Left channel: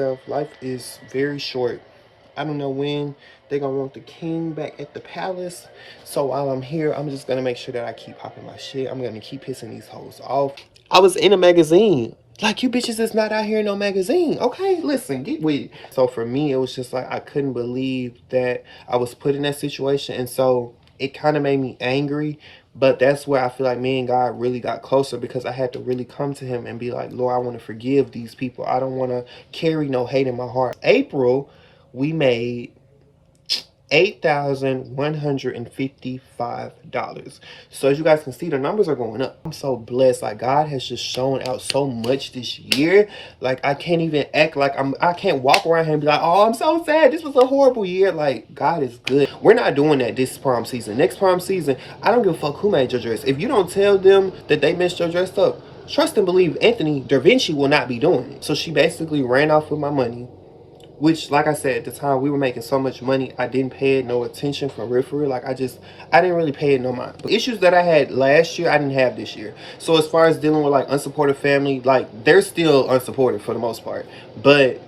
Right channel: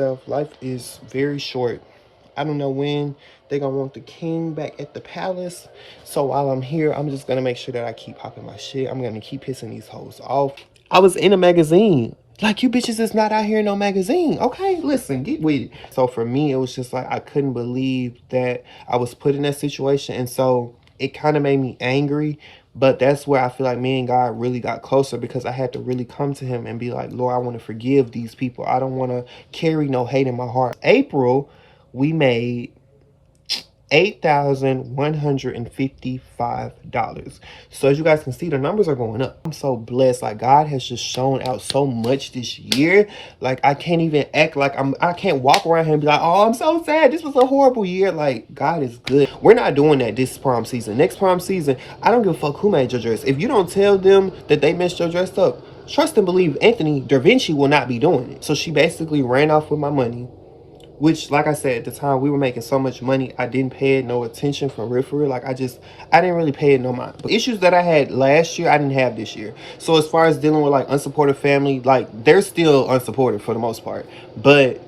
yourself, life is very short. I don't know when they're gonna want the king back at the palace. So while I'm here, I'm just gonna make sure that I keep popping my shit. I'm gonna keep pissing these hoes off. I was in a magazine. Like, you bitches is not out here in no magazine. Okay, listen, get with it. So for me, it was just like, I couldn't believe that I was put in that situation. And so it kind of made me angry. But that's where I feel like me and God really got closer, because I had to really come to him and be like, Lord, I want to forgive these people. I don't want to carry no hate in my heart. April, we made $8,155. So as you guys can see, the numbers are going up. I'm so blessed. Like, God has just shown out so much this year. Like, I can't even act like I can't walk around here and be like, oh, I'm so sad, this was a horrible year. Like, God is good. We're not doing that this prom season. Next prom season, I don't give a fuck who made your dress. If you don't tell them that they messed your dress up, trust and believe Anthony Da Vinci will not be doing it. So she basically ran off with my money, which, like I said, at the time, we were making so much money, I didn't pay it no attention for real. Like, I didn't really pay it no mind. But issues that I had last year, I didn't have this year. So as far as dealing with, like, unsupportive family, like, they're still unsupportive for the most part. But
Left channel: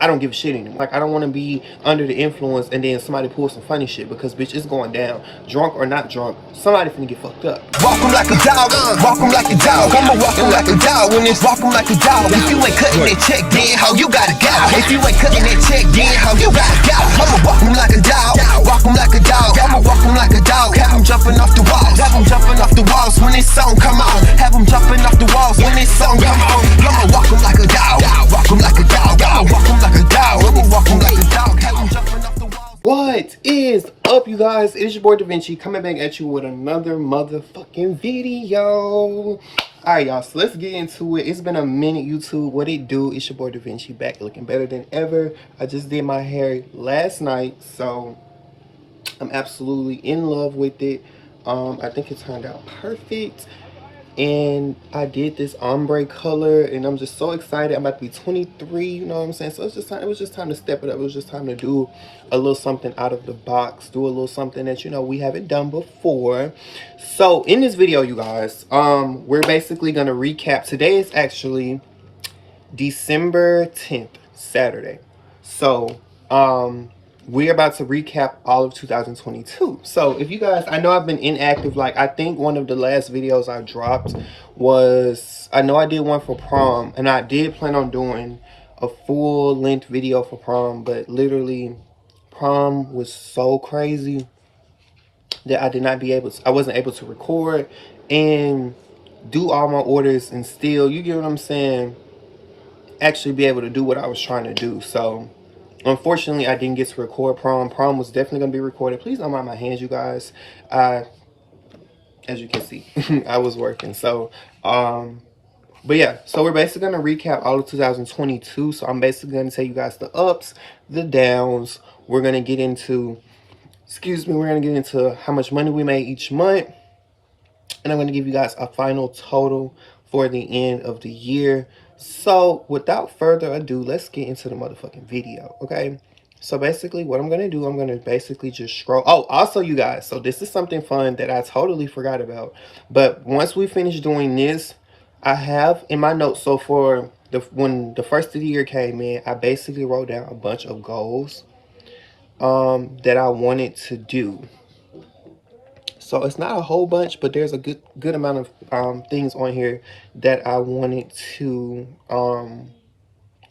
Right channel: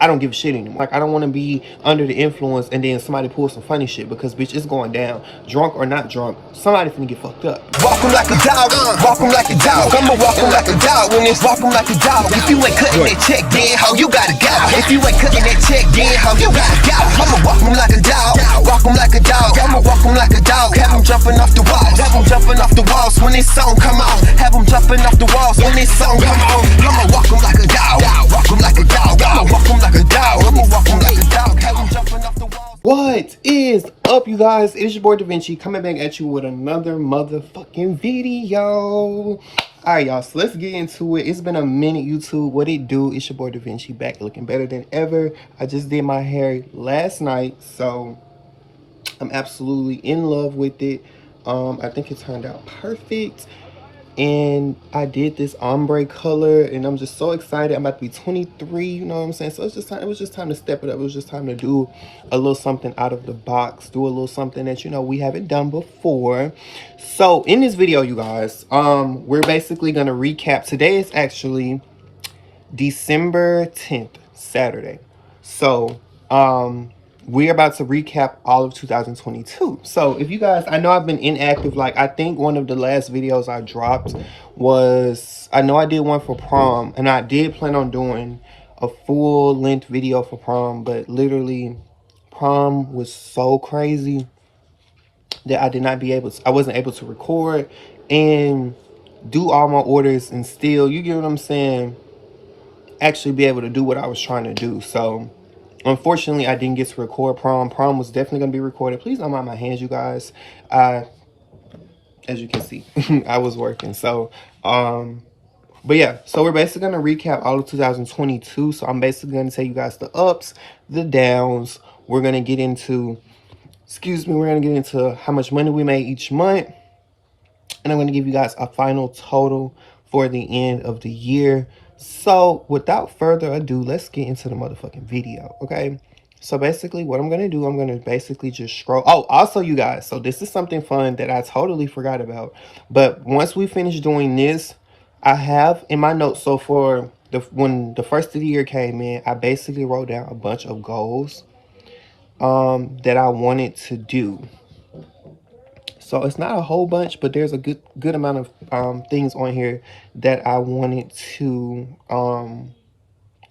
I don't give a shit anymore. Like, I don't want to be under the influence and then somebody pulls some funny shit, because, bitch, it's going down. Drunk or not drunk, somebody finna get fucked up. Walk 'em like a dog, walk 'em like a dog. I'ma walk 'em like a dog when it's walk 'em like a dog. If you ain't cutting that check, then how you gotta go? If you ain't cutting that check, then how you gotta go? I'ma walk 'em like a dog, walk 'em like a dog. I'ma walk 'em like a dog. Have 'em jumping off the walls, have 'em jumping off the walls when this song come on. Have 'em jumping off the walls when this song come on. I'ma walk 'em like a dog, walk 'em like a dog. I'ma walk 'em like a dog. I'ma walk 'em like a dog. Have 'em jumping off the walls. What is up, you guys? It is your boy Da Vinci, coming back at you with another motherfucking video. Alright, y'all, so let's get into it. It's been a minute, YouTube. What it do? It's your boy Da Vinci, back looking better than ever. I just did my hair last night, so I'm absolutely in love with it. I think it turned out perfect. And I did this ombre color, and I'm just so excited. I'm about to be 23, you know what I'm saying? So it's just time, it was just time to step it up. It was just time to do a little something out of the box, do a little something that, you know, we haven't done before. So in this video, you guys, we're basically gonna recap. Today is actually December 10th, Saturday. So we're about to recap all of 2022. So if you guys, I know I've been inactive. Like, I think one of the last videos I dropped was, I know I did one for prom, and I did plan on doing a full length video for prom, but literally prom was so crazy that I wasn't able to record and do all my orders and still, you get what I'm saying, actually be able to do what I was trying to do. So unfortunately, I didn't get to record prom. Prom was definitely going to be recorded. Please don't mind my hands, you guys. As you can see, I was working. So, but yeah, so we're basically going to recap all of 2022. So I'm basically going to tell you guys the ups, the downs. We're going to get into, we're going to get into how much money we made each month. And I'm going to give you guys a final total for the end of the year. So without further ado, let's get into the motherfucking video, okay? So basically what I'm going to do, I'm going to basically just scroll. Oh, also, you guys, so this is something fun that I totally forgot about. But once we finish doing this, I have in my notes, so for when the first of the year came in, I basically wrote down a bunch of goals that I wanted to do. So it's not a whole bunch, but there's a good amount of things on here that I wanted to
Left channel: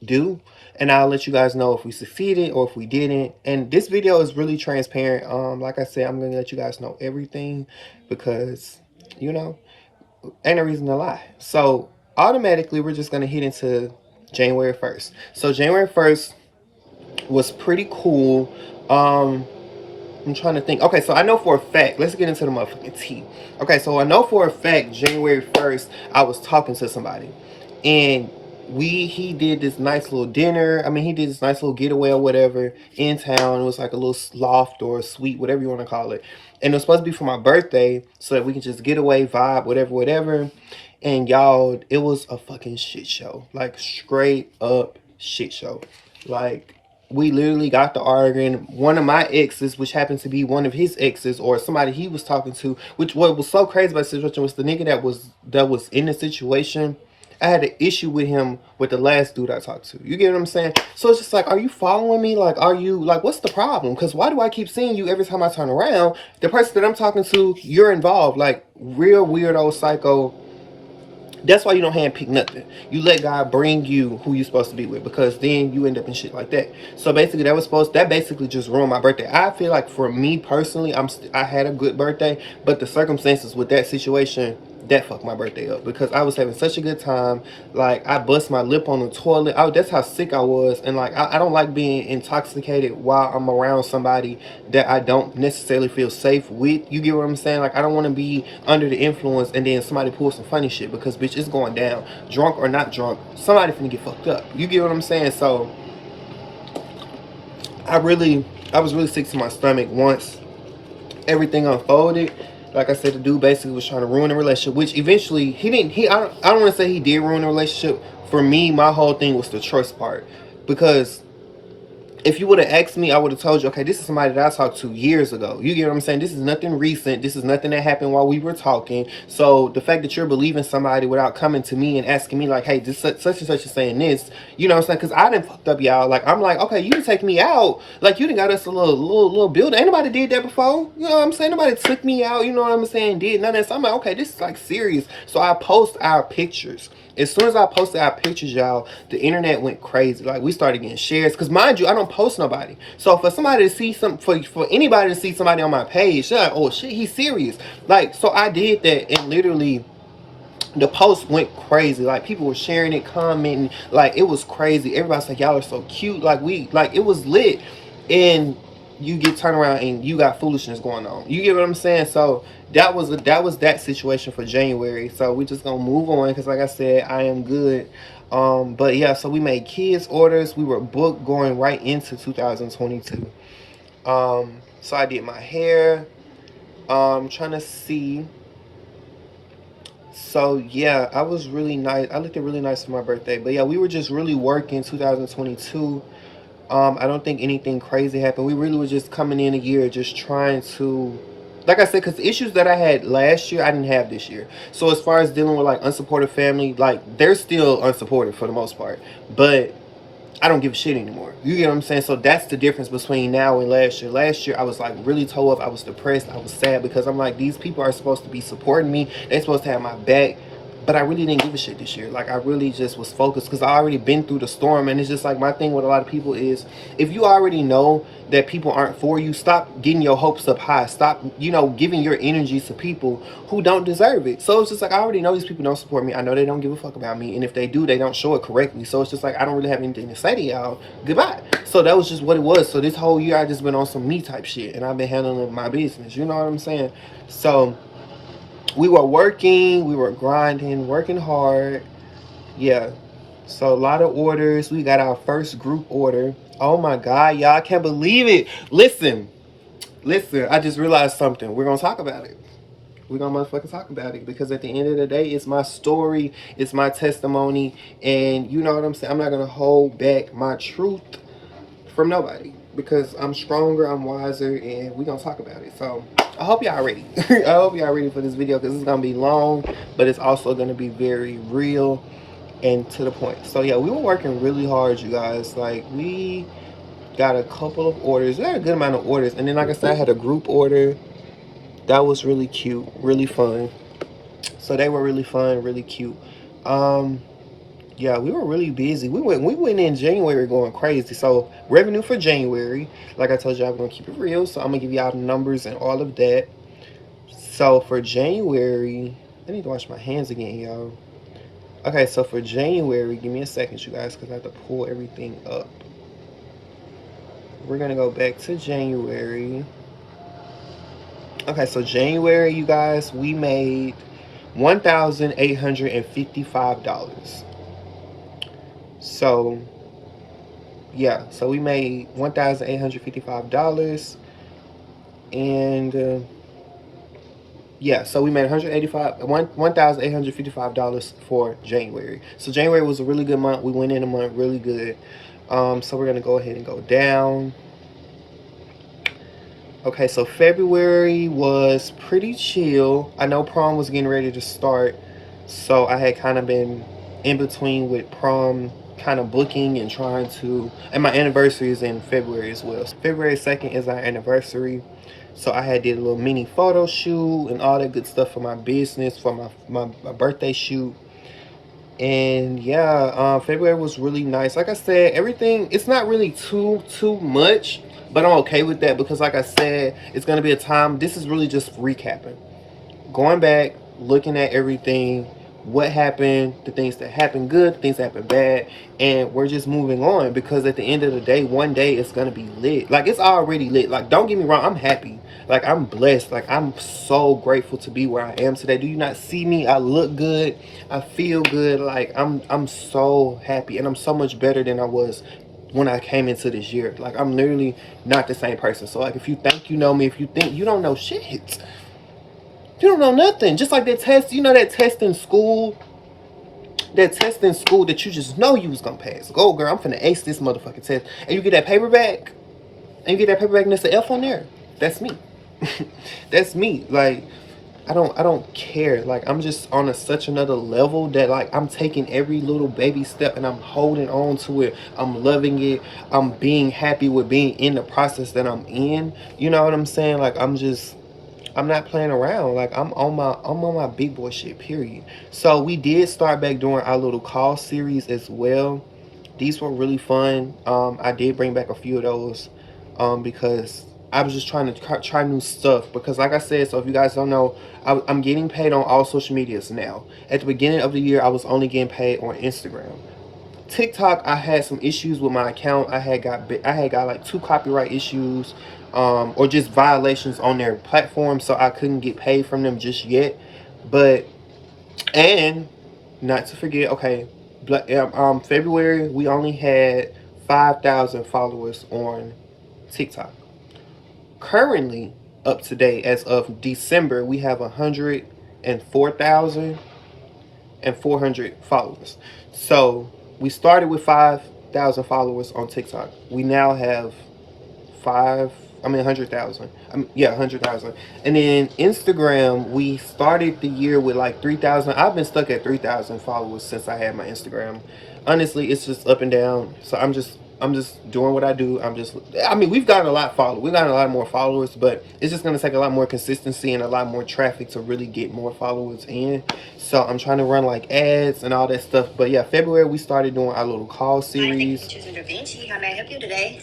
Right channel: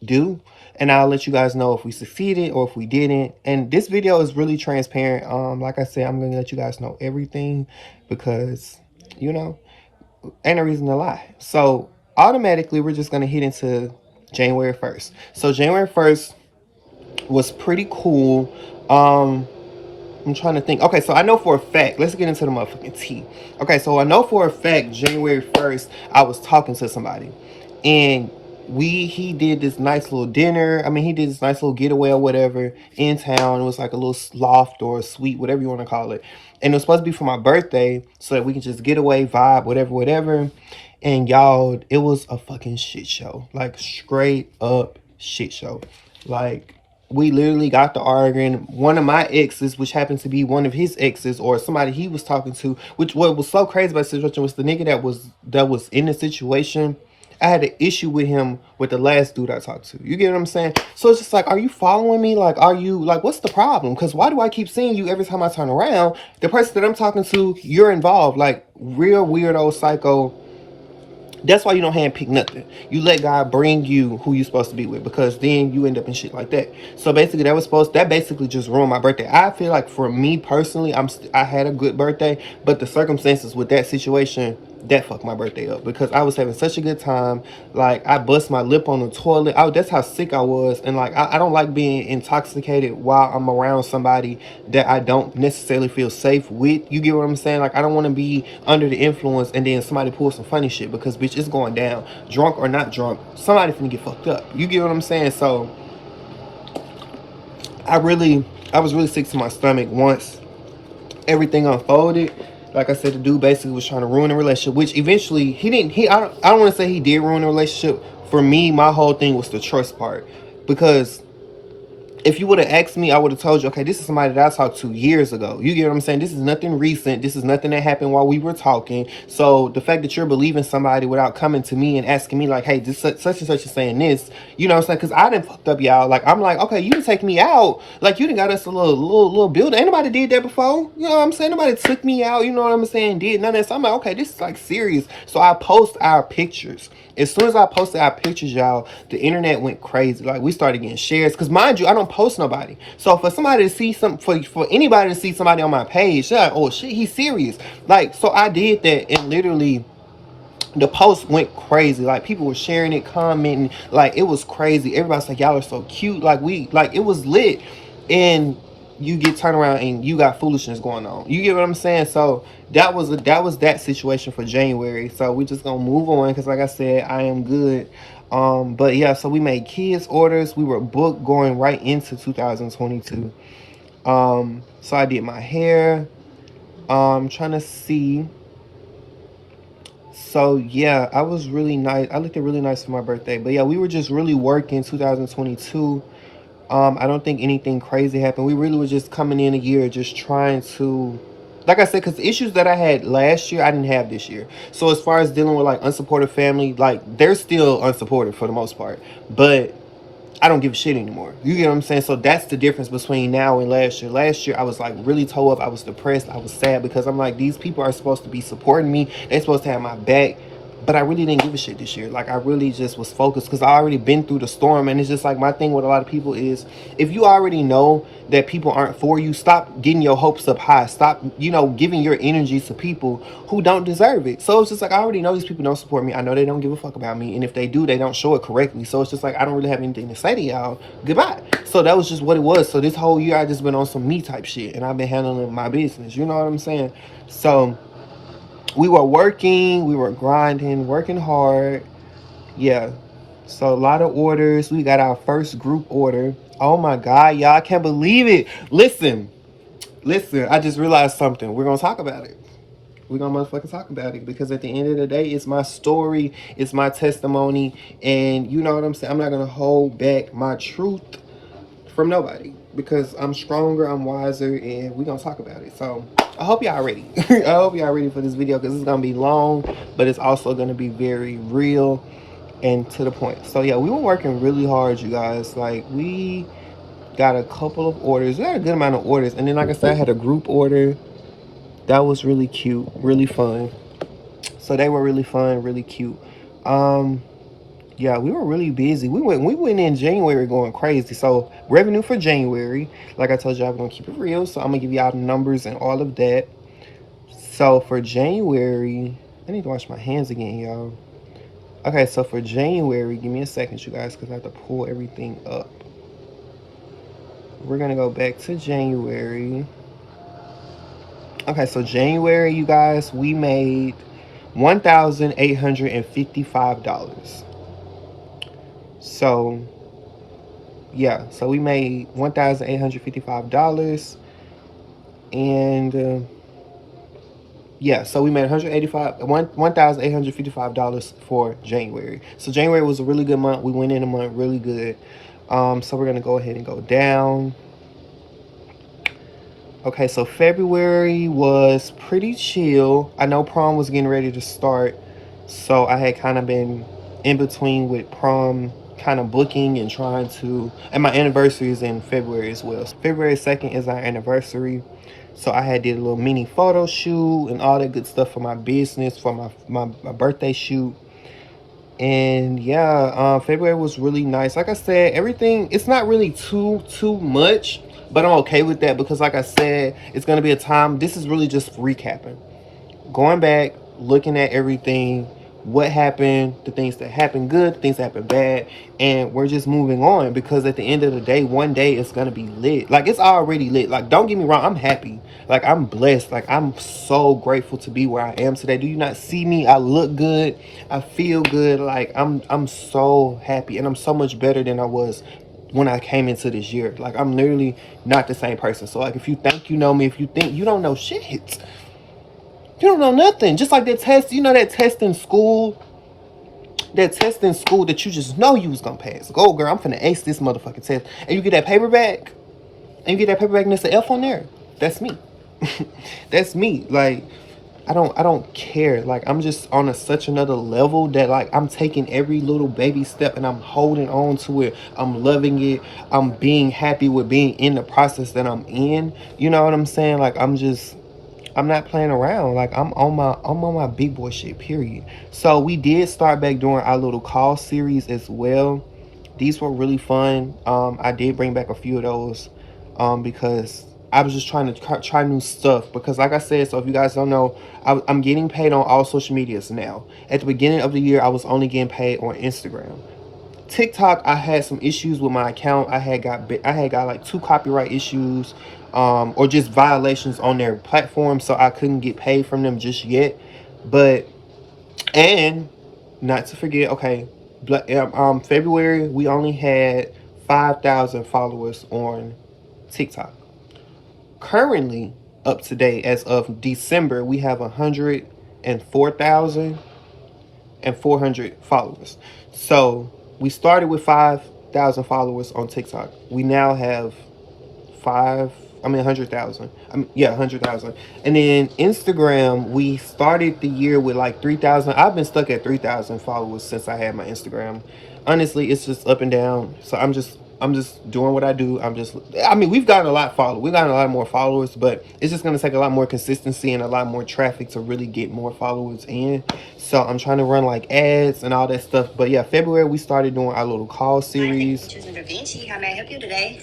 do. And I'll let you guys know if we succeeded or if we didn't. And this video is really transparent. Like I said, I'm going to let you guys know everything because, you know, ain't a reason to lie. So automatically, we're just going to hit into January 1st. So January 1st was pretty cool. I'm trying to think. Okay, so I know for a fact, let's get into the motherfucking tea. Okay, so I know for a fact, January 1st, I was talking to somebody. And he did this nice little dinner. I mean, he did this nice little getaway or whatever in town. It was like a little loft or a suite, whatever you want to call it. And it was supposed to be for my birthday so that we could just get away, vibe, whatever. And y'all, it was a fucking shit show. Like, straight up shit show. Like, we literally got to arguing. One of my exes, which happened to be one of his exes or somebody he was talking to, which what was so crazy about the situation was the nigga that was in the situation I had an issue with him with the last dude I talked to. You get what I'm saying? So it's just like, are you following me? Like, are you, like, what's the problem? Because why do I keep seeing you every time I turn around? The person that I'm talking to, you're involved. Like, real weirdo, psycho. That's why you don't handpick nothing. You let God bring you who you're supposed to be with, because then you end up in shit like that. So basically, that basically just ruined my birthday. I feel like for me personally, I had a good birthday, but the circumstances with that situation, that fucked my birthday up, because I was having such a good time. Like, I bust my lip on the toilet. That's how sick I was. And like, I don't like being intoxicated while I'm around somebody that I don't necessarily feel safe with. You get what I'm saying? Like, I don't want to be under the influence and then somebody pulls some funny shit, because bitch, it's going down. Drunk or not drunk, somebody finna get fucked up. You get what I'm saying? So I was really sick to my stomach once everything unfolded. Like I said, the dude basically was trying to ruin a relationship, which eventually he didn't. I don't want to say he did ruin a relationship. For me, my whole thing was the trust part, because if you would have asked me, I would have told you, okay, this is somebody that I talked to years ago. You get what I'm saying? This is nothing recent. This is nothing that happened while we were talking. So the fact that you're believing somebody without coming to me and asking me like, hey, this such and such is saying this, you know what I'm saying? Because I done fucked up, y'all. Like, I'm like, okay, you didn't take me out. Like, you done got us a little building. Ain't nobody did that before. You know what I'm saying? Nobody took me out. You know what I'm saying? Did none of that. So I'm like, okay, this is like serious. So I post our pictures. As soon as I posted our pictures, y'all, the internet went crazy. Like, we started getting shares. Because, mind you, I don't post nobody. So, for somebody to see for anybody to see somebody on my page, they're like, oh, shit, he's serious. Like, so I did that, and literally, the post went crazy. Like, people were sharing it, commenting. Like, it was crazy. Everybody's like, y'all are so cute. Like, it was lit. And you get turned around and you got foolishness going on. You get what I'm saying? So, that was that situation for January. So we just gonna move on, because like I said, I am good. But yeah, so we made kids orders. We were booked going right into 2022. So I did my hair. Trying to see. So yeah, I was really nice. I looked really nice for my birthday. But yeah, we were just really working 2022. I don't think anything crazy happened. We really were just coming in a year just trying to, like I said, because the issues that I had last year, I didn't have this year. So as far as dealing with like unsupportive family, like they're still unsupportive for the most part. But I don't give a shit anymore. You get what I'm saying? So that's the difference between now and last year. Last year, I was like really tore up. I was depressed. I was sad, because I'm like, these people are supposed to be supporting me. They're supposed to have my back. But I really didn't give a shit this year. Like, I really just was focused, because I already been through the storm. And it's just like, my thing with a lot of people is, if you already know that people aren't for you, stop getting your hopes up high. Stop, giving your energy to people who don't deserve it. So it's just like, I already know these people don't support me. I know they don't give a fuck about me. And if they do, they don't show it correctly. So it's just like, I don't really have anything to say to y'all. Goodbye. So that was just what it was. So this whole year, I just been on some me type shit. And I've been handling my business. You know what I'm saying? So we were working, we were grinding, working hard. Yeah. So a lot of orders. We got our first group order. Oh my God, y'all, I can't believe it. Listen, I just realized something. We're gonna talk about it. We're gonna motherfucking talk about it, because at the end of the day, it's my story, it's my testimony, and you know what I'm saying? I'm not gonna hold back my truth from nobody, because I'm stronger, I'm wiser, and we're gonna talk about it. So I hope y'all ready. I hope y'all ready for this video, because it's gonna be long, but it's also gonna be very real and to the point. So yeah, we were working really hard, you guys. Like, we got a couple of orders. We had a good amount of orders, and then like I said, I had a group order that was really cute, really fun. So they were really fun, really cute. Yeah, we were really busy. We went in January going crazy. So revenue for January, like I told you, I'm gonna keep it real. So I'm gonna give y'all the numbers and all of that. So for January, I need to wash my hands again, y'all. Okay, so for January, give me a second, you guys, because I have to pull everything up. We're gonna go back to January. Okay, so January, you guys, we made $1,855. So yeah, so we made $1,855, and yeah, so we made $1,855 for January. So January was a really good month. We went in a month really good. So we're gonna go ahead and go down. Okay, so February was pretty chill. I know prom was getting ready to start, so I had kind of been in between with prom kind of booking and trying to, and my anniversary is in February as well. So February 2nd is our anniversary. So I had did a little mini photo shoot and all that good stuff for my business, for my birthday shoot. And yeah, February was really nice. Like I said, everything, it's not really too much, but I'm okay with that because like I said, it's going to be a time, this is really just recapping. Going back, looking at everything, what happened, the things that happened good, things that happened bad, and we're just moving on because at the end of the day, one day it's gonna be lit. Like, it's already lit. Like, don't get me wrong, I'm happy. Like, I'm blessed. Like, I'm so grateful to be where I am today. Do you not see me? I look good. I feel good. Like, I'm so happy, and I'm so much better than I was when I came into this year. Like, I'm literally not the same person. So, like, if you think you know me, if you think you don't know shit, you don't know nothing. Just like that test, you know, that test in school, that you just know you was gonna pass. Go, girl, I'm finna ace this motherfucking test. And you get that paper back, and there's an F on there. That's me. That's me. Like, I don't care. Like, I'm just on such another level that, like, I'm taking every little baby step and I'm holding on to it. I'm loving it. I'm being happy with being in the process that I'm in. You know what I'm saying? Like, I'm not playing around. Like, I'm on my big boy shit, period. So we did start back doing our little call series as well. These were really fun. I did bring back a few of those because I was just trying to try new stuff. Because like I said, so if you guys don't know, I'm getting paid on all social medias now. At the beginning of the year, I was only getting paid on Instagram. TikTok, I had some issues with my account. I had got like 2 copyright issues, or just violations on their platform, so I couldn't get paid from them just yet. But, and not to forget, okay, February we only had 5,000 followers on TikTok. Currently, up to date as of December, we have 104,400 followers. So we started with 5,000 followers on TikTok. We now have 100,000. 100,000. And then Instagram, we started the year with like 3,000. I've been stuck at 3,000 followers since I had my Instagram. Honestly, it's just up and down. So I'm just doing what I do. We've gotten a lot followed. We've gotten a lot more followers, but it's just going to take a lot more consistency and a lot more traffic to really get more followers in. So I'm trying to run like ads and all that stuff. But yeah, February we started doing our little call series. How may I help you today?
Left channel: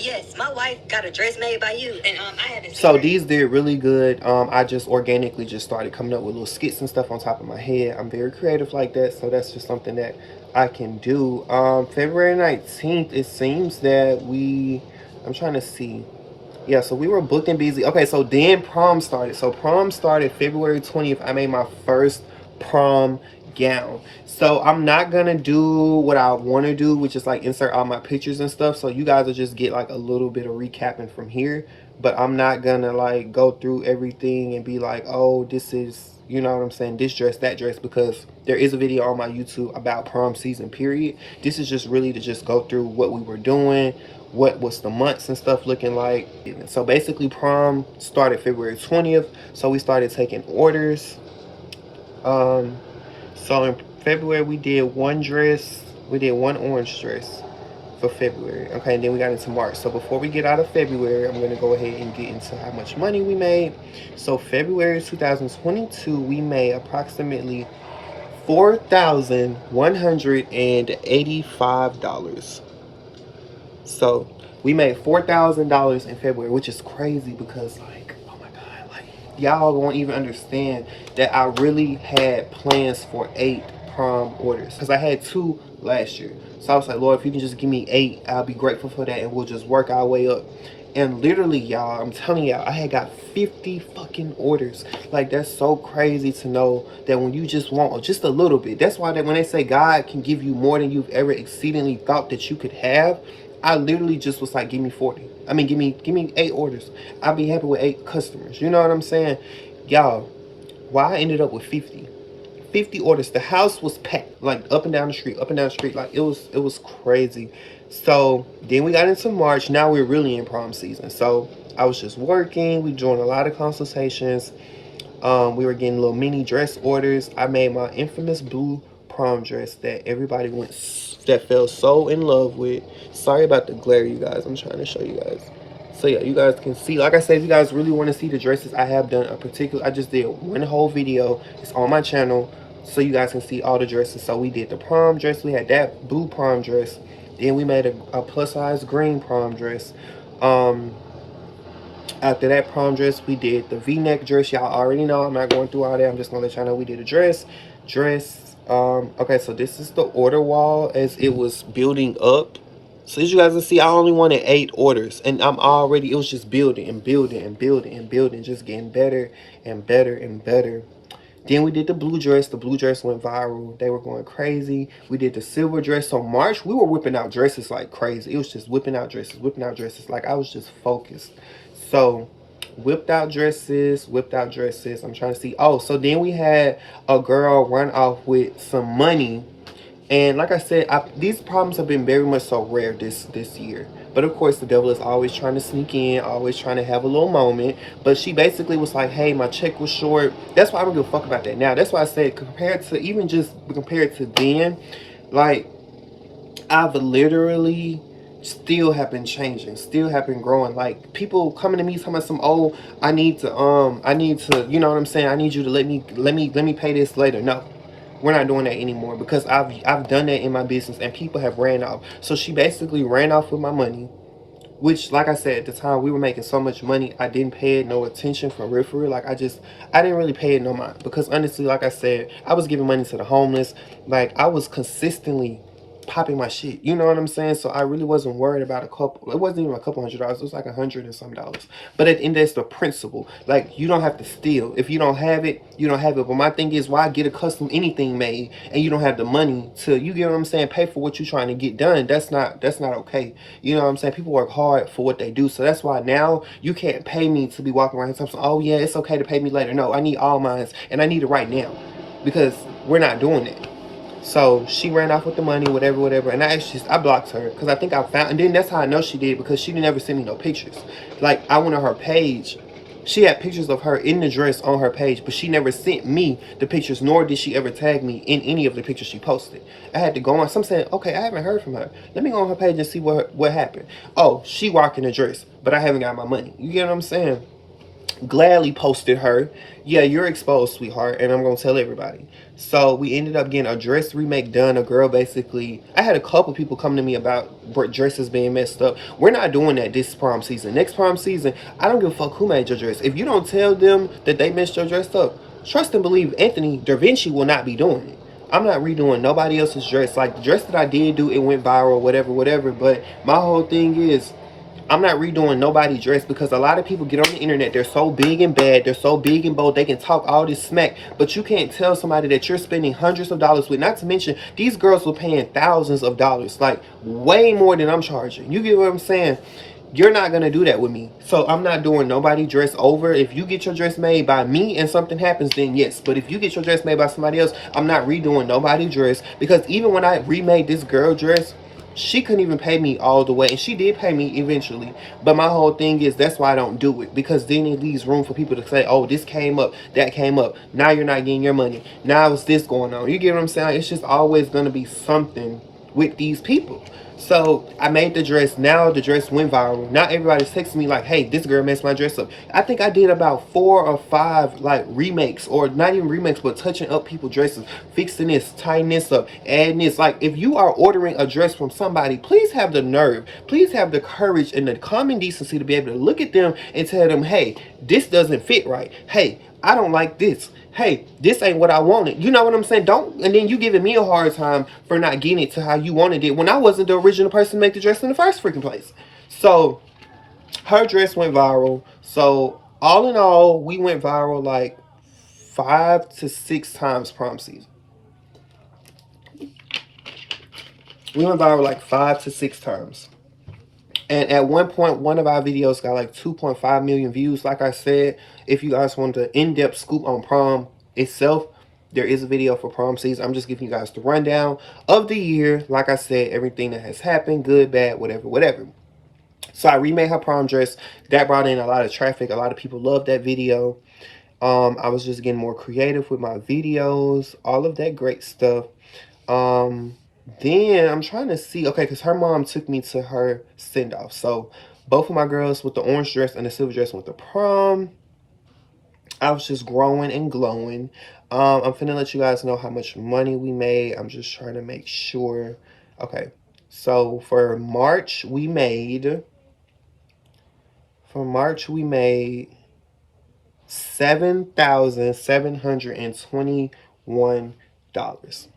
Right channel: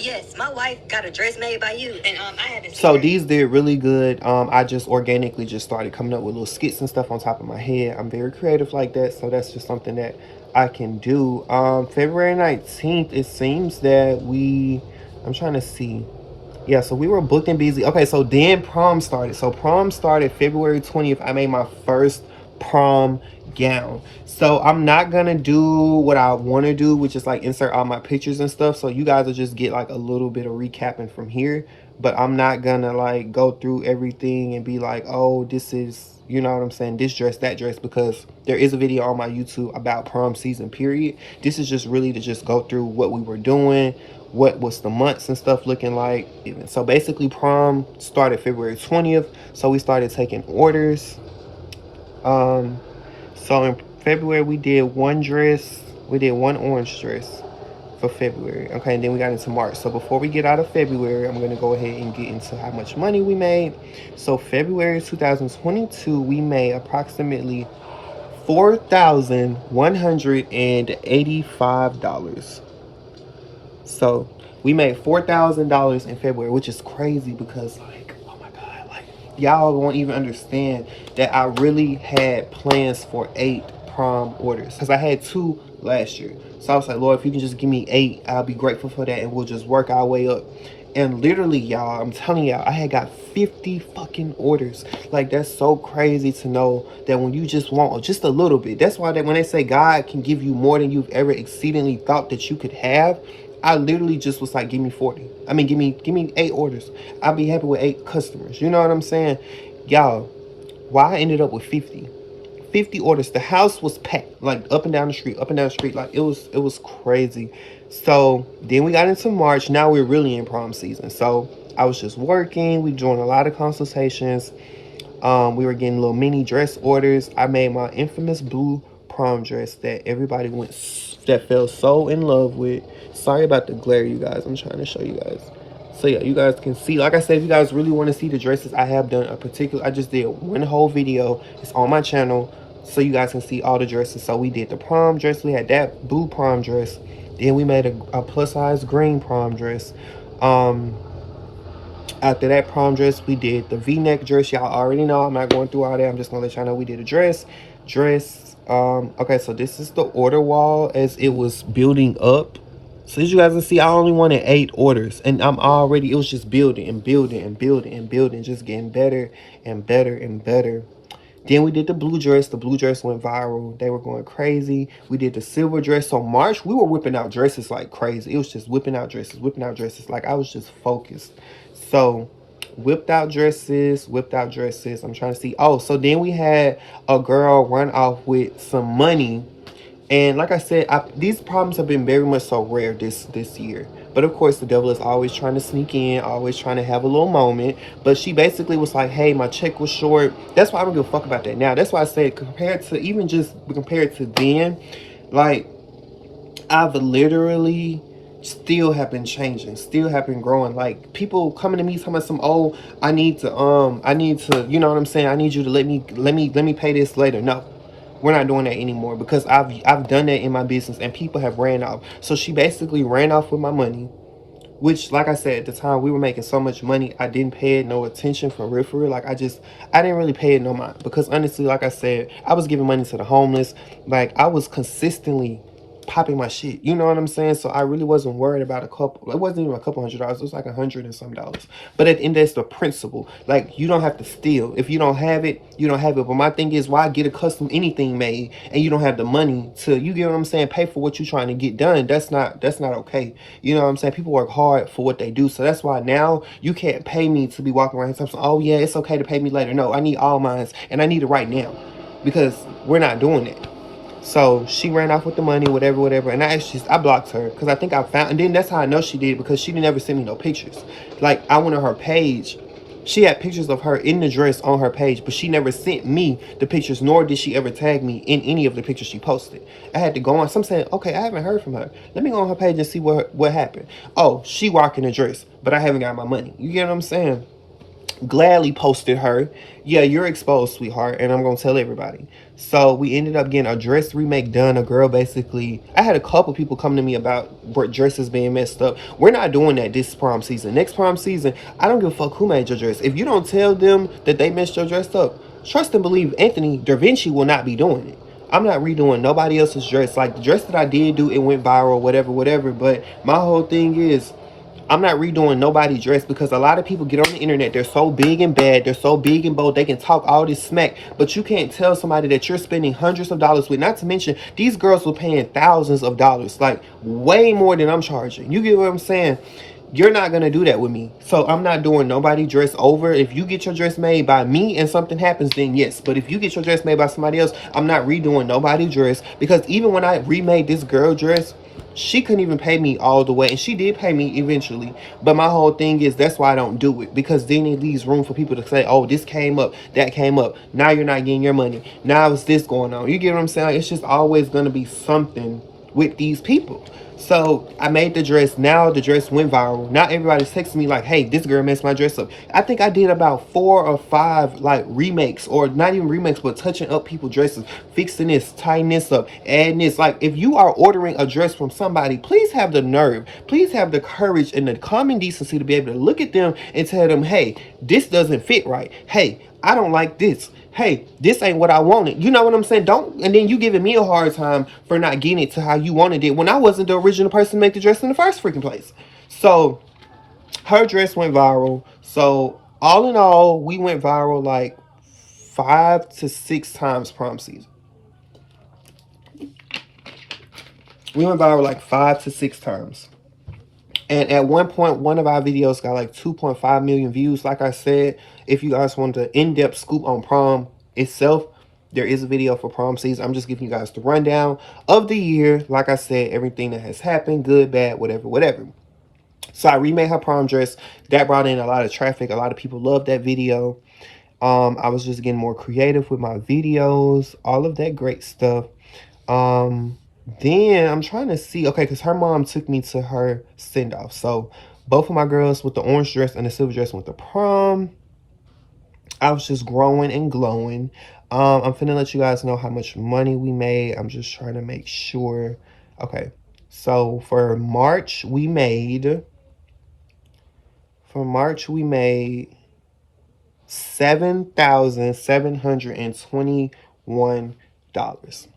Yes, my wife got a dress made by you, and I had to. So these did really good. I just organically just started coming up with little skits and stuff on top of my head. I'm very creative like that, so that's just something that I can do. February 19th, it seems that I'm trying to see. Yeah, so we were booked and busy. Okay, so then prom started. So prom started February 20th. I made my first prom gown. So I'm not gonna do what I want to do, which is like insert all my pictures and stuff. So you guys will just get like a little bit of recapping from here. But I'm not gonna like go through everything and be like, oh, this is, you know what I'm saying, this dress, that dress, because there is a video on my YouTube about prom season, period. This is just really to just go through what we were doing, what was the months and stuff looking like. So basically prom started February 20th. So we started taking orders. So in February we did one orange dress for February. Okay, and then we got into March. So before we get out of February, I'm going to go ahead and get into how much money we made. So February 2022, we made approximately $4,185. So we made $4,000 in February, which is crazy because, like, oh my God, like, y'all won't even understand that I really had plans for 8 prom orders because I had 2 last year. So I was like, Lord, if you can just give me 8, I'll be grateful for that, and we'll just work our way up. And literally, y'all, I'm telling y'all, I had got 50 fucking orders. Like, that's so crazy to know that when you just want just a little bit. That's why that when they say God can give you more than you've ever exceedingly thought that you could have, I literally just was like, give me 40. I mean, give me 8 orders. I'll be happy with 8 customers. You know what I'm saying? Y'all, why I ended up with 50 orders. The house was packed, like up and down the street. Like, it was crazy. So then we got into March. Now we're really in prom season. So I was just working. We doing a lot of consultations. We were getting little mini dress orders. I made my infamous blue prom dress that everybody that fell so in love with. Sorry about the glare, you guys. I'm trying to show you guys. So yeah, you guys can see. Like I said, if you guys really want to see the dresses, I have done a particular. I just did one whole video. It's on my channel, so you guys can see all the dresses. So we did the prom dress. We had that blue prom dress. Then we made a plus size green prom dress. After that prom dress, we did the V-neck dress. Y'all already know. I'm not going through all that. I'm just gonna let y'all know we did a dress. Okay, so this is the order wall as it was building up. So as you guys can see, I only wanted 8 orders, and it was just building and building and building and building, just getting better and better and better. Then we did the blue dress. The blue dress went viral. They were going crazy. We did the silver dress. So March, we were whipping out dresses like crazy. It was just whipping out dresses. Like I was just focused. So whipped out dresses. I'm trying to see. Oh, so then we had a girl run off with some money. And like I said, these problems have been very much so rare this year. But of course, the devil is always trying to sneak in, always trying to have a little moment. But she basically was like, hey, my check was short. That's why I don't give a fuck about that now. That's why I said compared to then, like, I've literally still have been changing, still have been growing. Like, people coming to me talking about some, oh, I need to, you know what I'm saying? I need you to let me pay this later. No. We're not doing that anymore because I've done that in my business and people have ran off. So she basically ran off with my money, which, like I said, at the time we were making so much money, I didn't pay it no attention for real. Like I didn't really pay it no mind because honestly, like I said, I was giving money to the homeless. Like I was consistently popping my shit, you know what I'm saying? So I really wasn't worried about it wasn't even a couple $100, it was like $100 and some dollars. But at the end, that's the principle. Like, you don't have to steal. If you don't have it, you don't have it. But my thing is, why get a custom anything made and you don't have the money to, you get what I'm saying, pay for what you're trying to get done? That's not okay. You know what I'm saying? People work hard for what they do. So that's why now you can't pay me to be walking around and saying, oh yeah, it's okay to pay me later. No, I need all mine and I need it right now because we're not doing it. So she ran off with the money, whatever. And I blocked her because I think I found, and then that's how I know she did because she never sent me no pictures. Like, I went on her page. She had pictures of her in the dress on her page, but she never sent me the pictures, nor did she ever tag me in any of the pictures she posted. I had to go on. Some saying, okay, I haven't heard from her. Let me go on her page and see what happened. Oh, she rocking the dress, but I haven't got my money. You get what I'm saying? Gladly posted her. Yeah, you're exposed, sweetheart, and I'm gonna tell everybody. So we ended up getting a dress remake done. A girl basically, I had a couple people come to me about dresses being messed up. We're not doing that this prom season. Next prom season, I don't give a fuck who made your dress. If you don't tell them that they messed your dress up, trust and believe Anthony Da Vinci will not be doing it. I'm not redoing nobody else's dress. Like, the dress that I did do, it went viral, whatever. But my whole thing is, I'm not redoing nobody's dress because a lot of people get on the internet. They're so big and bad. They're so big and bold. They can talk all this smack, but you can't tell somebody that you're spending hundreds of dollars with. Not to mention, these girls were paying thousands of dollars, like way more than I'm charging. You get what I'm saying? You're not going to do that with me. So I'm not doing nobody dress over. If you get your dress made by me and something happens, then yes. But if you get your dress made by somebody else, I'm not redoing nobody's dress. Because even when I remade this girl dress, she couldn't even pay me all the way. And she did pay me eventually. But my whole thing is, that's why I don't do it. Because then it leaves room for people to say, oh, this came up, that came up. Now you're not getting your money. Now it's this going on. You get what I'm saying? It's just always going to be something with these people. So I made the dress. Now the dress went viral. Now everybody's texting me like, hey, this girl messed my dress up. I think I did about 4 or 5 like remakes, or not even remakes, but touching up people's dresses, fixing this, tying this up, adding this. Like, if you are ordering a dress from somebody, please have the nerve, please have the courage and the common decency to be able to look at them and tell them, hey, this doesn't fit right. Hey, I don't like this. Hey, this ain't what I wanted. You know what I'm saying? Don't, and then you giving me a hard time for not getting it to how you wanted it when I wasn't the original person to make the dress in the first freaking place. So her dress went viral. So all in all, we went viral like 5 to 6 times prom season. We went viral like 5 to 6 times. And at one point, one of our videos got like 2.5 million views. Like I said, if you guys want the in-depth scoop on prom itself, there is a video for prom season. I'm just giving you guys the rundown of the year. Like I said, everything that has happened, good, bad, whatever. So I remade her prom dress. That brought in a lot of traffic. A lot of people loved that video. I was just getting more creative with my videos, all of that great stuff. Then I'm trying to see, okay, because her mom took me to her send-off. So both of my girls with the orange dress and the silver dress went to prom. I was just growing and glowing. I'm finna let you guys know how much money we made. I'm just trying to make sure. Okay, so for March we made $7,721.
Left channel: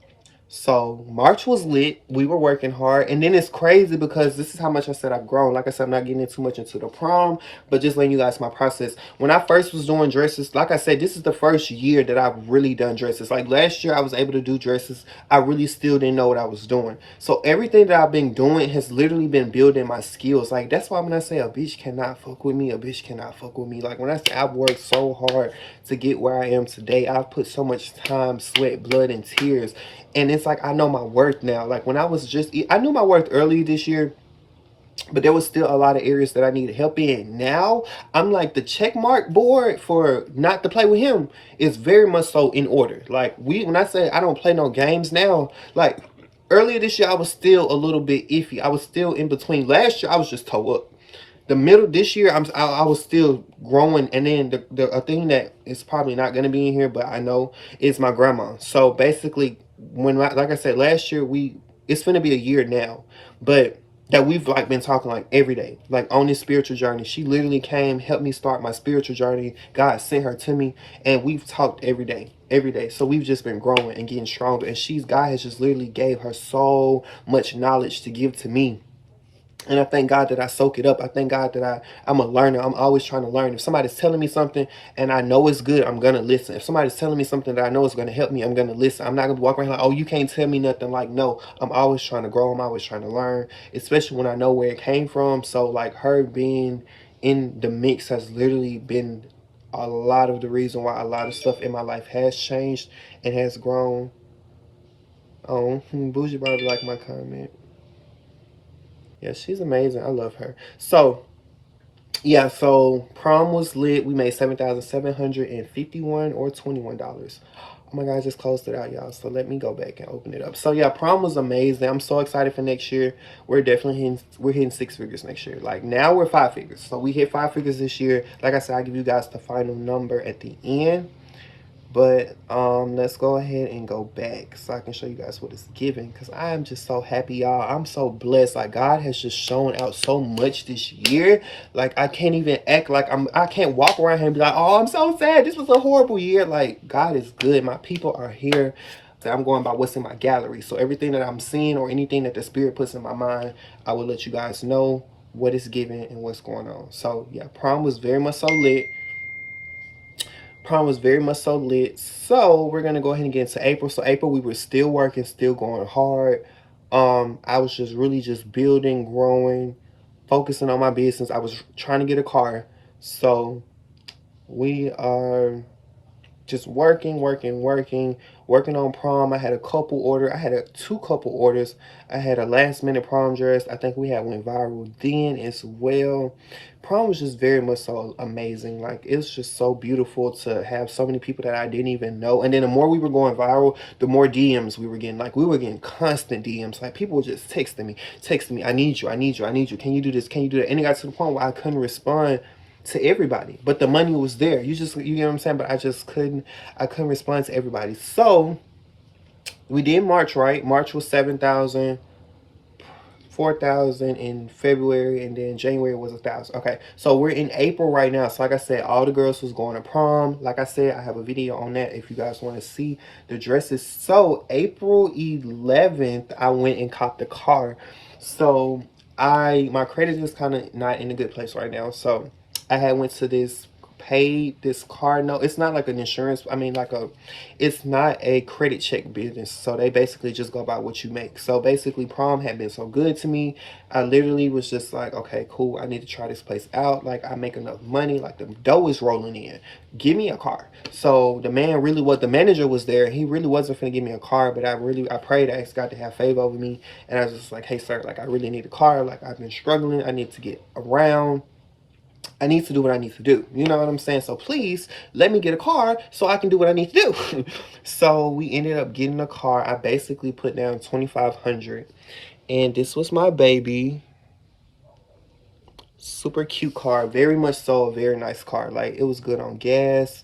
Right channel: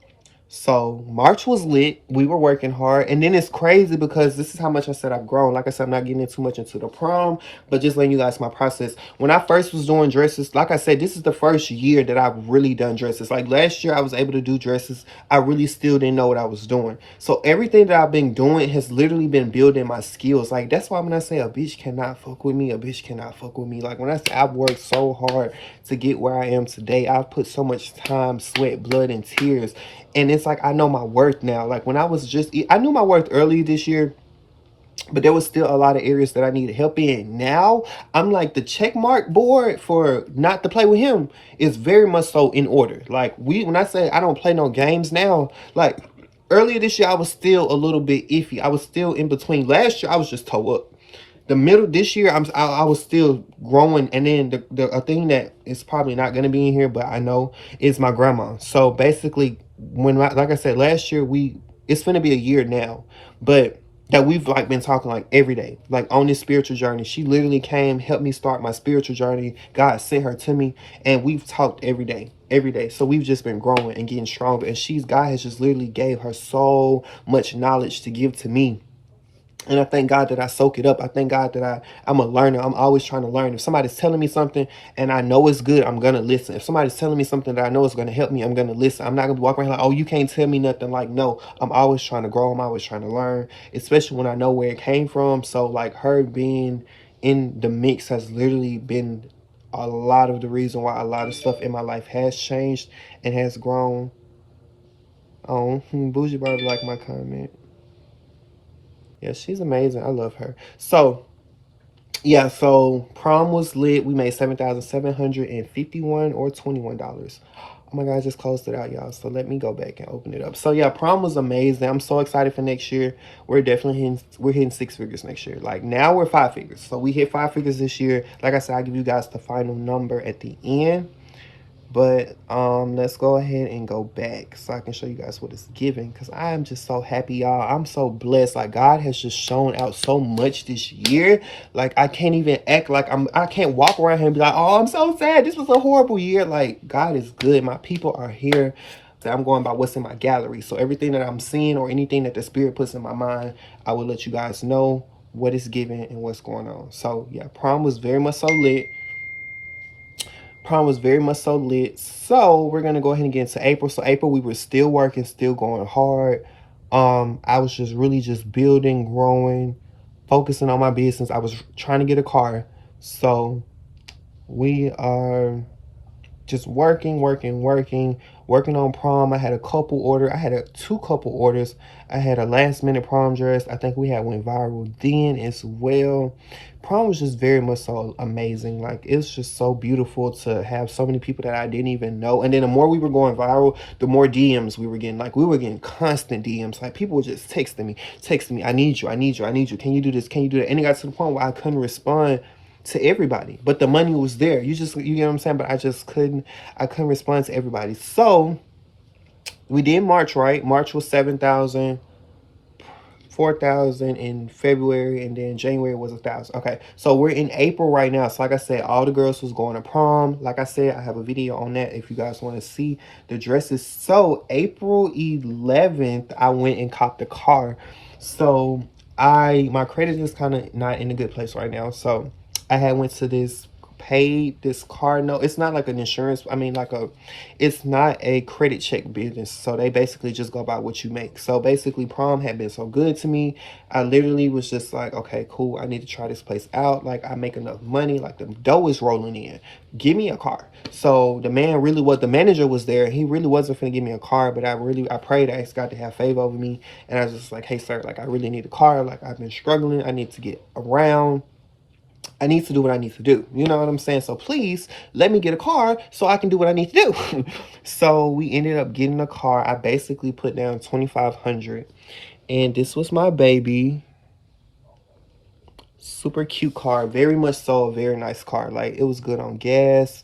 So March was lit. We were working hard. And then it's crazy because this is how much I said I've grown. Like I said, I'm not getting too much into the prom, but just letting you guys my process. When I first was doing dresses, like I said, this is the first year that I've really done dresses. Like last year I was able to do dresses. I really still didn't know what I was doing. So everything that I've been doing has literally been building my skills. Like that's why when I say a bitch cannot fuck with me, a bitch cannot fuck with me. Like when I say I've worked so hard to get where I am today, I've put so much time, sweat, blood, and tears. And it's like, I know my worth now. Like when I knew my worth early this year, but there was still a lot of areas that I needed help in. Now, I'm like the check mark board for not to play with him is very much so in order. Like when I say I don't play no games now, like earlier this year, I was still a little bit iffy. I was still in between. Last year, I was just toe up. The middle this year, I was still growing, and then a thing that is probably not gonna be in here, but I know is my grandma. So basically, like I said last year, it's gonna be a year now, but that we've like been talking like every day, like on this spiritual journey. She literally came, helped me start my spiritual journey. God sent her to me, and we've talked every day, every day. So we've just been growing and getting stronger. And God has just literally gave her so much knowledge to give to me. And I thank God that I soak it up. I thank God that I'm a learner. I'm always trying to learn. If somebody's telling me something and I know it's good, I'm going to listen. If somebody's telling me something that I know is going to help me, I'm going to listen. I'm not going to walk around like, oh, you can't tell me nothing. Like, no, I'm always trying to grow. I'm always trying to learn, especially when I know where it came from. So, like, her being in the mix has literally been a lot of the reason why a lot of stuff in my life has changed and has grown. Oh, Bougie Barbie like my comment. Yeah, she's amazing. I love her. So, yeah, so prom was lit. We made 7,751 or $21. Oh my God, I just closed it out, y'all. So let me go back and open it up. So yeah, prom was amazing. I'm so excited for next year. We're hitting six figures next year. Like now we're five figures. So we hit five figures this year. Like I said, I'll give you guys the final number at the end. But let's go ahead and go back so I can show you guys what it's giving, because I'm just so happy, y'all. I'm so blessed. Like God has just shown out so much this year. Like I can't even act like I can't walk around here and be like, oh, I'm so sad, this was a horrible year. Like God is good. My people are here. So I'm going by what's in my gallery. So everything that I'm seeing or anything that the spirit puts in my mind, I will let you guys know what it's giving and what's going on. So yeah, prom was very much so lit. Prom was very much so lit. So we're gonna go ahead and get into April. So April, we were still working, still going hard. I was just really just building, growing, focusing on my business. I was trying to get a car. So we are just working on prom. I had two couple orders. I had a last minute prom dress. I think we had went viral then as well. Prom was just very much so amazing. Like it's just so beautiful to have so many people that I didn't even know. And then the more we were going viral, the more DMs we were getting. Like we were getting constant DMs. Like people were just texting me, I need you. Can you do this? Can you do that? And it got to the point where I couldn't respond to everybody, but the money was there. You get what I'm saying? But I couldn't respond to everybody. So we did March, right? March was 7,000, 4,000 in February, and then January was 1,000. Okay, so we're in April right now. So like I said, all the girls was going to prom. Like I said, I have a video on that if you guys want to see the dresses. So April 11th, I went and caught the car. So my credit is kind of not in a good place right now. So I had went to paid this car note. It's not like an insurance. I mean, it's not a credit check business. So they basically just go by what you make. So basically prom had been so good to me. I literally was just like, okay, cool. I need to try this place out. Like I make enough money. Like the dough is rolling in. Give me a car. So the manager was there. He really wasn't going to give me a car, but I prayed, I asked God to have favor over me. And I was just like, hey sir, like I really need a car. Like I've been struggling. I need to get around. I need to do what I need to do. You know what I'm saying? So please let me get a car so I can do what I need to do. So we ended up getting a car. I basically put down $2,500, and this was my baby. Super cute car, very much so a very nice car. Like, it was good on gas.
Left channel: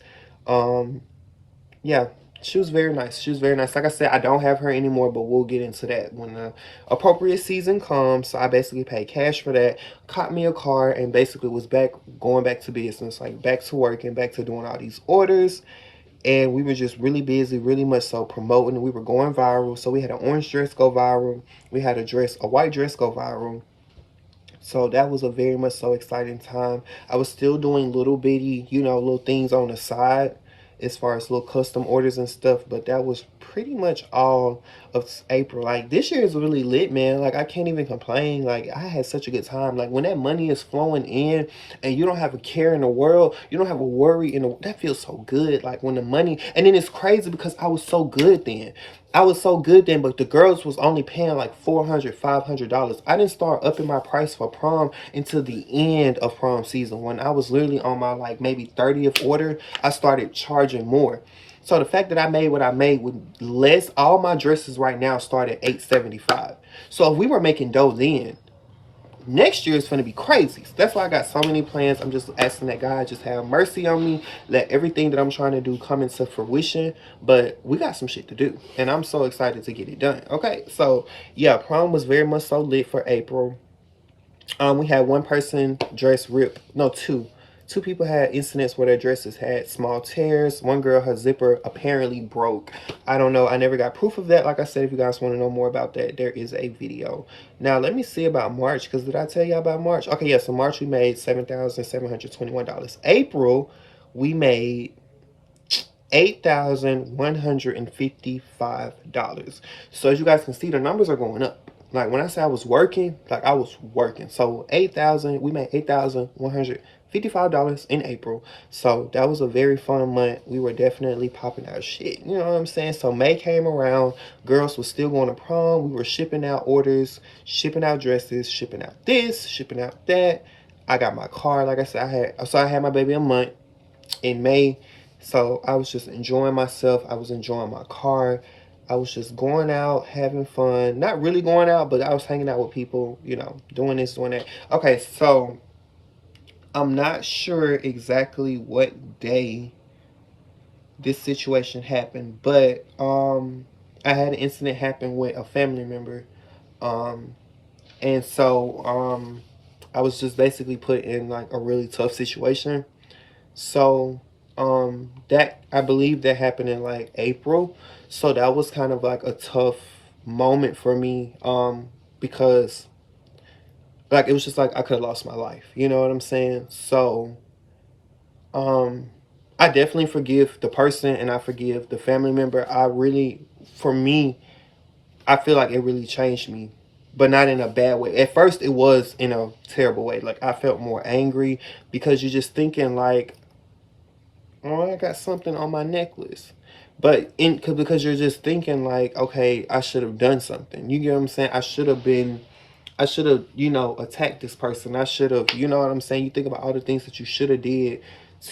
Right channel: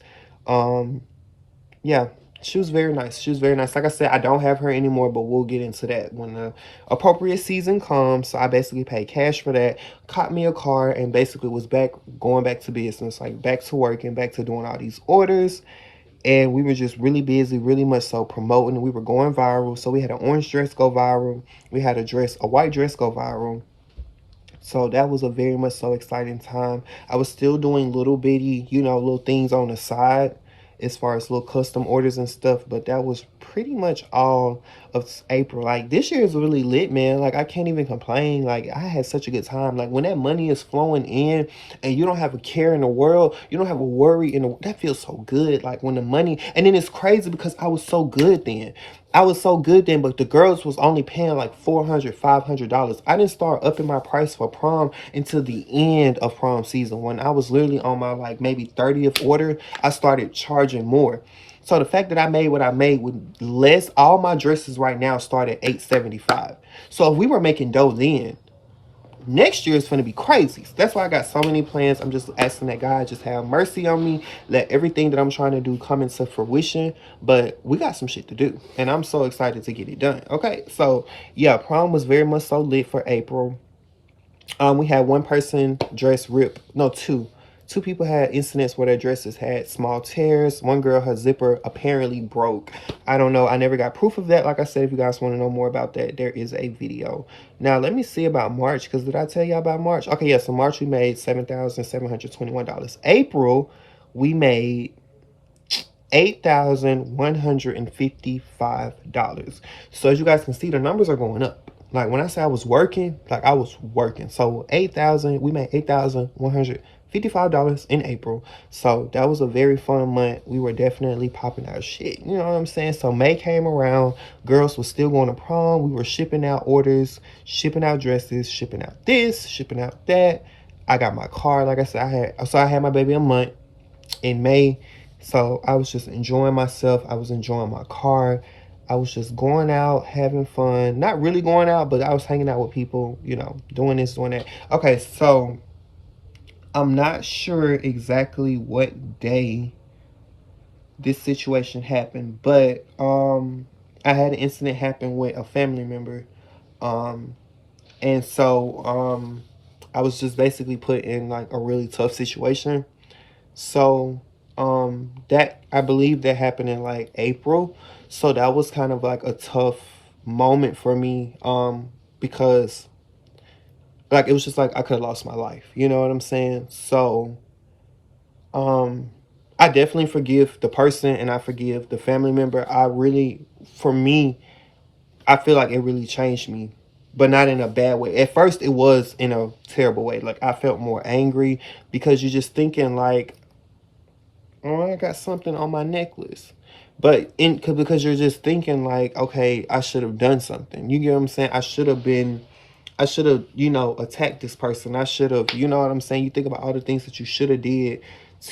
Yeah, she was very nice. She was very nice. Like I said, I don't have her anymore, but we'll get into that when the appropriate season comes. So I basically paid cash for that, caught me a car, and basically was going back to business, like back to work and back to doing all these orders. And we were just really busy, really much so promoting. We were going viral. So we had an orange dress go viral. We had a white dress go viral. So that was a very much so exciting time. I was still doing little bitty, little things on the side as far as little custom orders and stuff. But that was pretty much all of April. Like, this year is really lit, man. Like, I can't even complain. Like, I had such a good time. Like, when that money is flowing in and you don't have a care in the world, you don't have a worry that feels so good. Like, when the money, and then it's crazy because I was so good then. But the girls was only paying like $400, $500. I didn't start upping my price for prom until the end of prom season. When I was literally on my like maybe 30th order, I started charging more. So the fact that I made what I made with less, all my dresses right now start at $875. So if we were making dough then, next year is going to be crazy. So that's why I got so many plans. I'm just asking that God just have mercy on me. Let everything that I'm trying to do come into fruition. But we got some shit to do. And I'm so excited to get it done. Okay, so yeah, prom was very much so lit for April. We had one person dress rip. No, two. Two people had incidents where their dresses had small tears. One girl, her zipper apparently broke. I don't know. I never got proof of that. Like I said, if you guys want to know more about that, there is a video. Now, let me see about March, because did I tell you about March? Okay, yeah, so March we made $7,721. April, we made $8,155. So as you guys can see, the numbers are going up. Like, when I say I was working, like, I was working. So we made $8,155 in April. So that was a very fun month. We were definitely popping out shit. You know what I'm saying? So May came around. Girls were still going to prom. We were shipping out orders, shipping out dresses, shipping out this, shipping out that. I got my car. Like I said, I had my baby a month in May. So I was just enjoying myself. I was enjoying my car. I was just going out, having fun. Not really going out, but I was hanging out with people, doing this, doing that. Okay, so I'm not sure exactly what day this situation happened, but I had an incident happen with a family member. And so I was just basically put in like a really tough situation. So that, I believe that happened in like April. So that was kind of like a tough moment for me, because like, it was just like I could have lost my life. You know what I'm saying? So I definitely forgive the person and I forgive the family member. For me, I feel like it really changed me, but not in a bad way. At first, it was in a terrible way. Like, I felt more angry because you're just thinking like, oh, I got something on my necklace. But because you're just thinking like, okay, I should have done something. You get what I'm saying? I should have, attacked this person. I should have, you know what I'm saying? You think about all the things that you should have did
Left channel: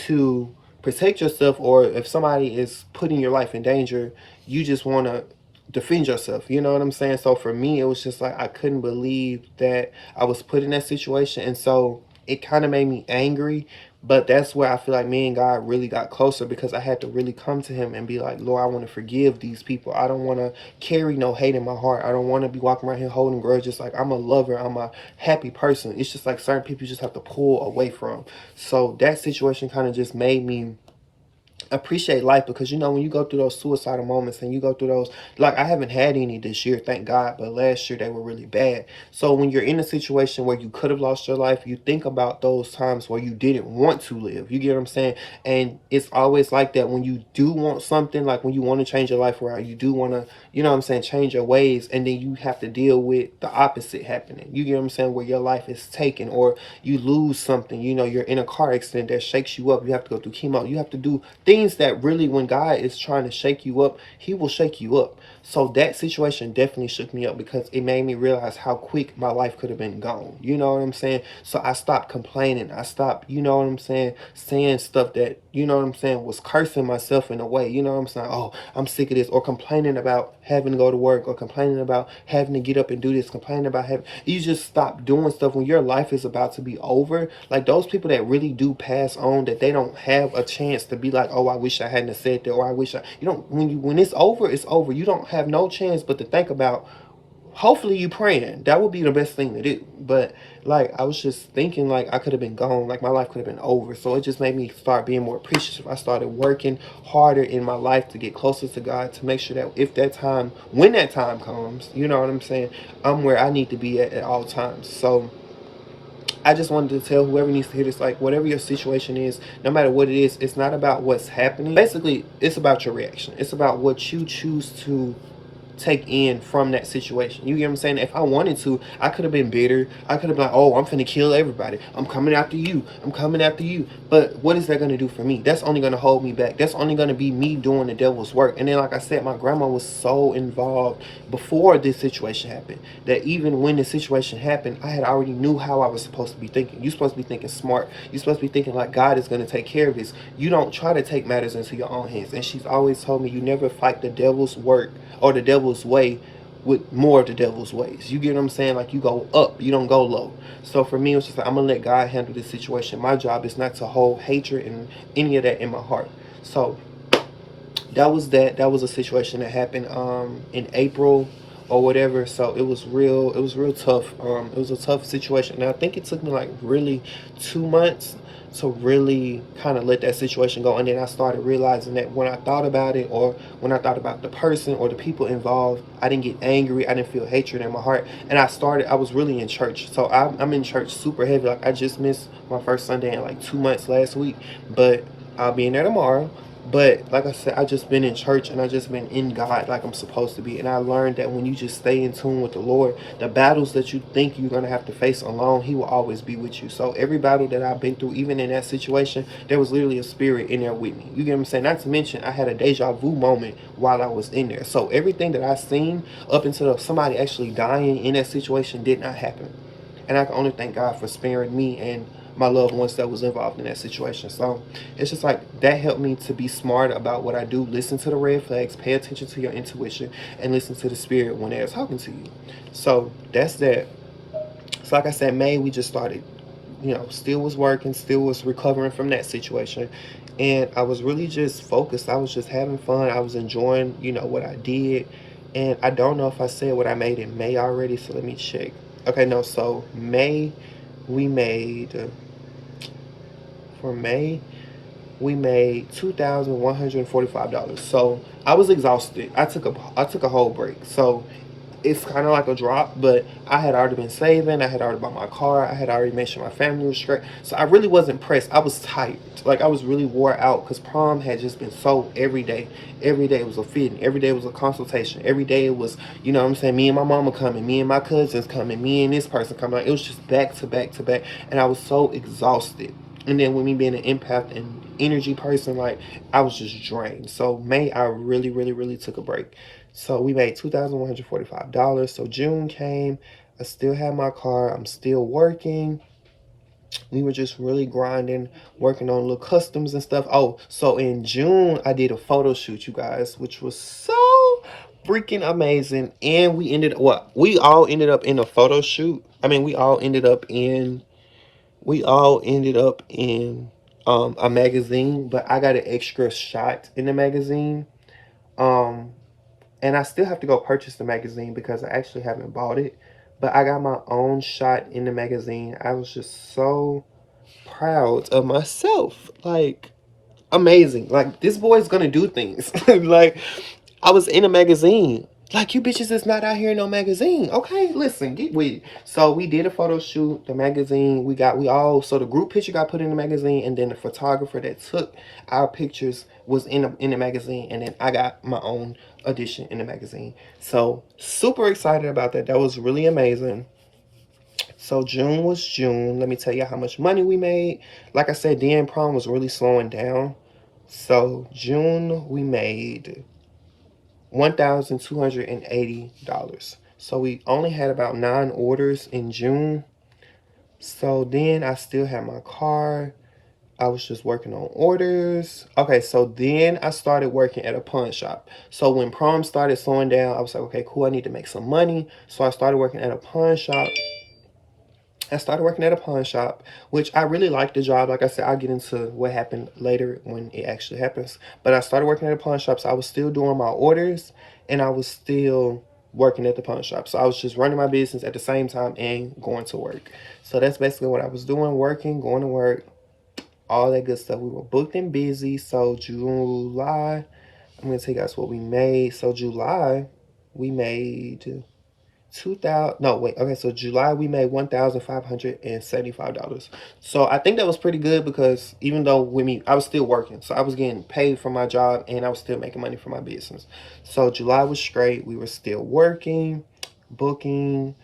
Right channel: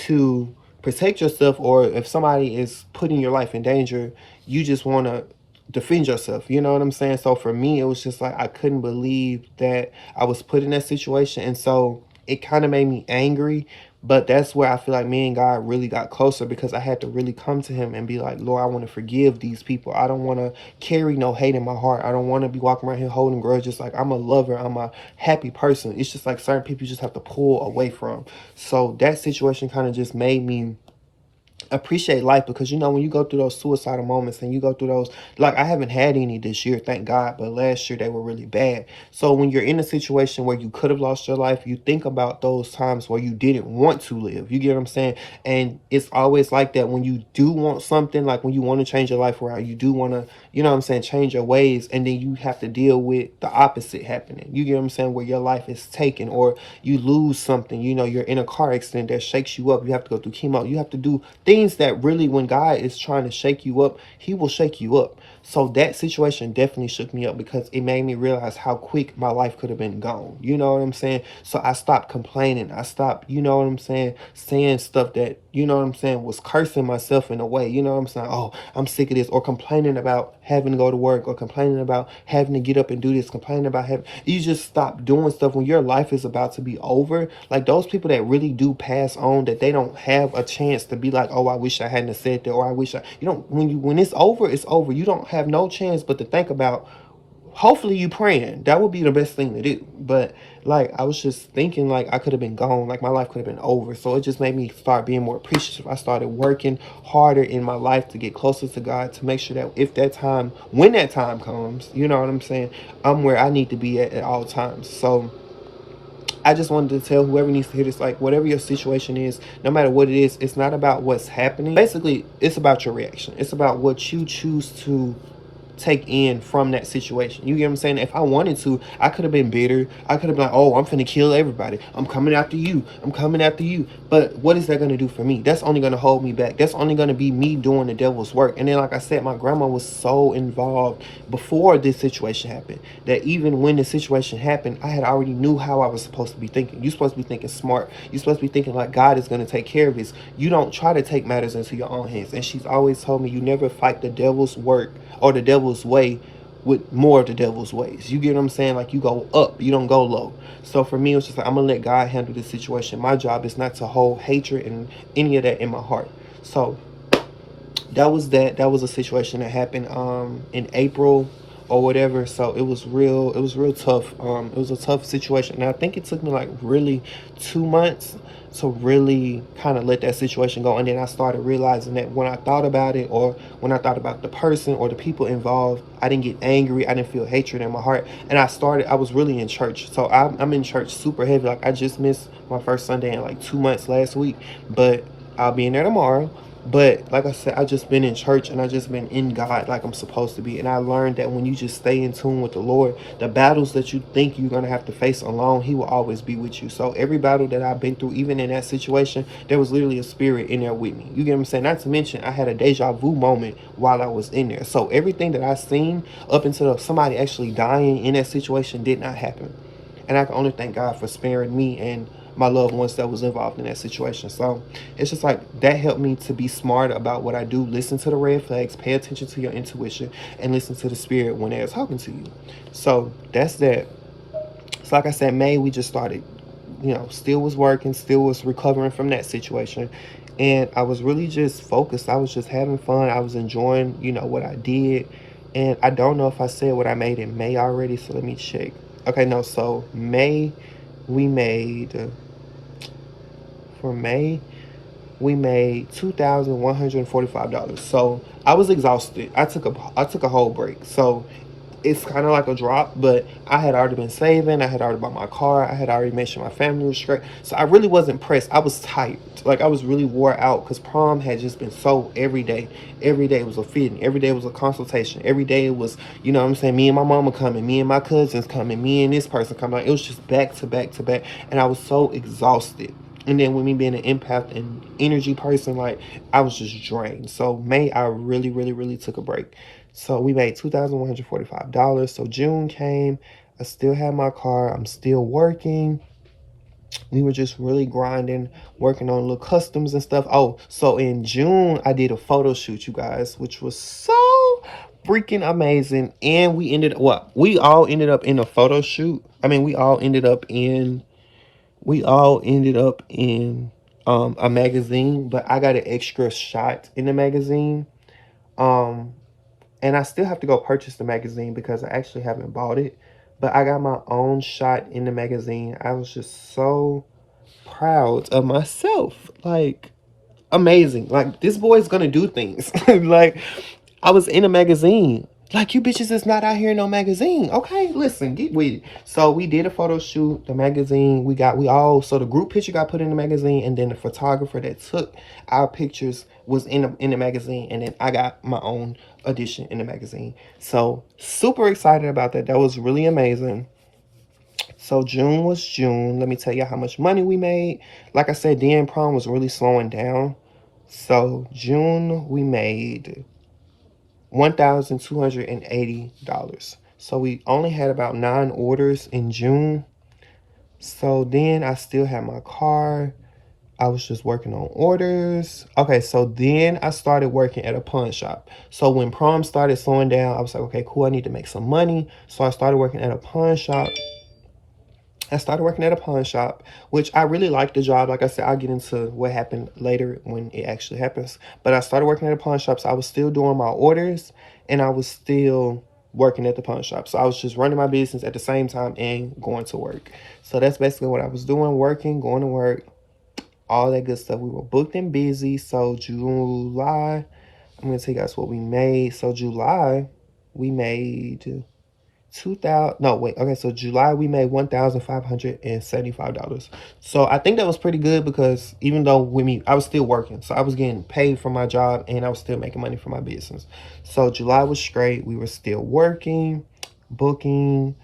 to protect yourself, or if somebody is putting your life in danger, you just want to defend yourself. You know what I'm saying? So for me, it was just like, I couldn't believe that I was put in that situation. And so it kind of made me angry. But that's where I feel like me and God really got closer, because I had to really come to him and be like, Lord, I want to forgive these people. I don't want to carry no hate in my heart. I don't want to be walking around here holding grudges. Like, I'm a lover. I'm a happy person. It's just like certain people you just have to pull away from. So that situation kind of just made me appreciate life, because when you go through those suicidal moments and you go through those, like, I haven't had any this year, thank God, but last year they were really bad. So when you're in a situation where you could have lost your life, you think about those times where you didn't want to live. You get what I'm saying? And it's always like that when you do want something, like when you want to change your life around, you do want to, change your ways, and then you have to deal with the opposite happening. You get what I'm saying? Where your life is taken, or you lose something, you're in a car accident that shakes you up. You have to go through chemo. You have to do things that really, when God is trying to shake you up, he will shake you up. So that situation definitely shook me up because it made me realize how quick my life could have been gone. You know what I'm saying? So I stopped complaining. I stopped, you know what I'm saying, saying stuff that, you know what I'm saying, was cursing myself in a way. You know what I'm saying? Oh, I'm sick of this. Or complaining about having to go to work, or complaining about having to get up and do this, complaining about having, you just stop doing stuff when your life is about to be over. Like those people that really do pass on, that they don't have a chance to be like, oh, I wish I hadn't said that, or I wish I, you know, when it's over, it's over. You don't have no chance but to think about, hopefully you praying. That would be the best thing to do. But like, I was just thinking like I could have been gone, like my life could have been over. So it just made me start being more appreciative. I started working harder in my life to get closer to God, to make sure that if that time, when that time comes, you know what I'm saying, I'm where I need to be at all times. So I just wanted to tell whoever needs to hear this, like, whatever your situation is, no matter what it is, it's not about what's happening. Basically, it's about your reaction. It's about what you choose to take in from that situation. You get what I'm saying? If I wanted to, I could have been bitter. I could have been like, oh, I'm finna kill everybody. I'm coming after you. I'm coming after you. But what is that going to do for me? That's only going to hold me back. That's only going to be me doing the devil's work. And then, like I said, my grandma was so involved before this situation happened that even when the situation happened, I had already knew how I was supposed to be thinking. You're supposed to be thinking smart. You're supposed to be thinking like God is going to take care of this. You don't try to take matters into your own hands. And she's always told me, you never fight the devil's work or the devil's way with more of the devil's ways. You get what I'm saying? Like, you go up, you don't go low. So for me, it's just like, I'm gonna let God handle this situation. My job is not to hold hatred and any of that in my heart. So that was that. That was a situation that happened in April or whatever. So it was real tough. It was a tough situation. And I think it took me like really 2 months to really kind of let that situation go. And then I started realizing that when I thought about it, or when I thought about the person or the people involved, I didn't get angry. I didn't feel hatred in my heart. And I was really in church. So I'm in church super heavy. Like, I just missed my first Sunday in like 2 months last week, but I'll be in there tomorrow. But like I said, I've just been in church and I've just been in God like I'm supposed to be. And I learned that when you just stay in tune with the Lord, the battles that you think you're going to have to face alone, He will always be with you. So every battle that I've been through, even in that situation, there was literally a spirit in there with me. You get what I'm saying? Not to mention, I had a deja vu moment while I was in there. So everything that I've seen up until somebody actually dying in that situation did not happen. And I can only thank God for sparing me and my loved ones that was involved in that situation. So it's just like, that helped me to be smart about what I do. Listen to the red flags, pay attention to your intuition, and listen to the spirit when they're talking to you. So that's that. So like I said, May, we just started, you know, still was working, still was recovering from that situation. And I was really just focused. I was just having fun. I was enjoying, you know, what I did. And I don't know if I said what I made in May already, so let me check. Okay, no, so May, we made, for May, we made $2,145. So I was exhausted. I took a whole break. So it's kind of like a drop, but I had already been saving. I had already bought my car. I had already made sure my family was straight. So I really wasn't pressed. I was tired. Like, I was really wore out because prom had just been so every day. Every day it was a fitting. Every day it was a consultation. Every day it was, you know what I'm saying, me and my mama coming, me and my cousins coming, me and this person coming. Like, it was just back to back to back. And I was so exhausted. And then with me being an empath and energy person, like, I was just drained. So May, I really, really, really took a break. So we made $2,145. So June came. I still had my car. I'm still working. We were just really grinding, working on little customs and stuff. Oh, so in June, I did a photo shoot, you guys, which was so freaking amazing. And we ended, what? We all ended up in a photo shoot. I mean, we all ended up in a magazine, but I got an extra shot in the magazine. And I still have to go purchase the magazine because I actually haven't bought it. But I got my own shot in the magazine. I was just so proud of myself. Like, amazing. Like, this boy's gonna do things. Like, I was in a magazine. Like, you bitches is not out here in no magazine. Okay, listen, so we did a photo shoot, the magazine, so the group picture got put in the magazine, and then the photographer that took our pictures was in the magazine, and then I got my own edition in the magazine. So super excited about that. That was really amazing. So June was June. Let me tell you how much money we made. Like I said, then prom was really slowing down. So June we made $1,280. So we only had about 9 orders in June. So then I still had my car. I was just working on orders. Okay, so then I started working at a pawn shop. So when prom started slowing down, I was like, okay, cool, I need to make some money. So I started working at a pawn shop. Which I really liked the job. Like I said, I'll get into what happened later when it actually happens. But I started working at a pawn shop, so I was still doing my orders, and I was still working at the pawn shop. So I was just running my business at the same time and going to work. So that's basically what I was doing, working, going to work, all that good stuff. We were booked and busy. So July, I'm going to tell you guys what we made. So July, we made... so July we made $1,575. So I think that was pretty good because even though with me, I was still working. So I was getting paid for my job and I was still making money for my business. So July was straight. We were still working, booking,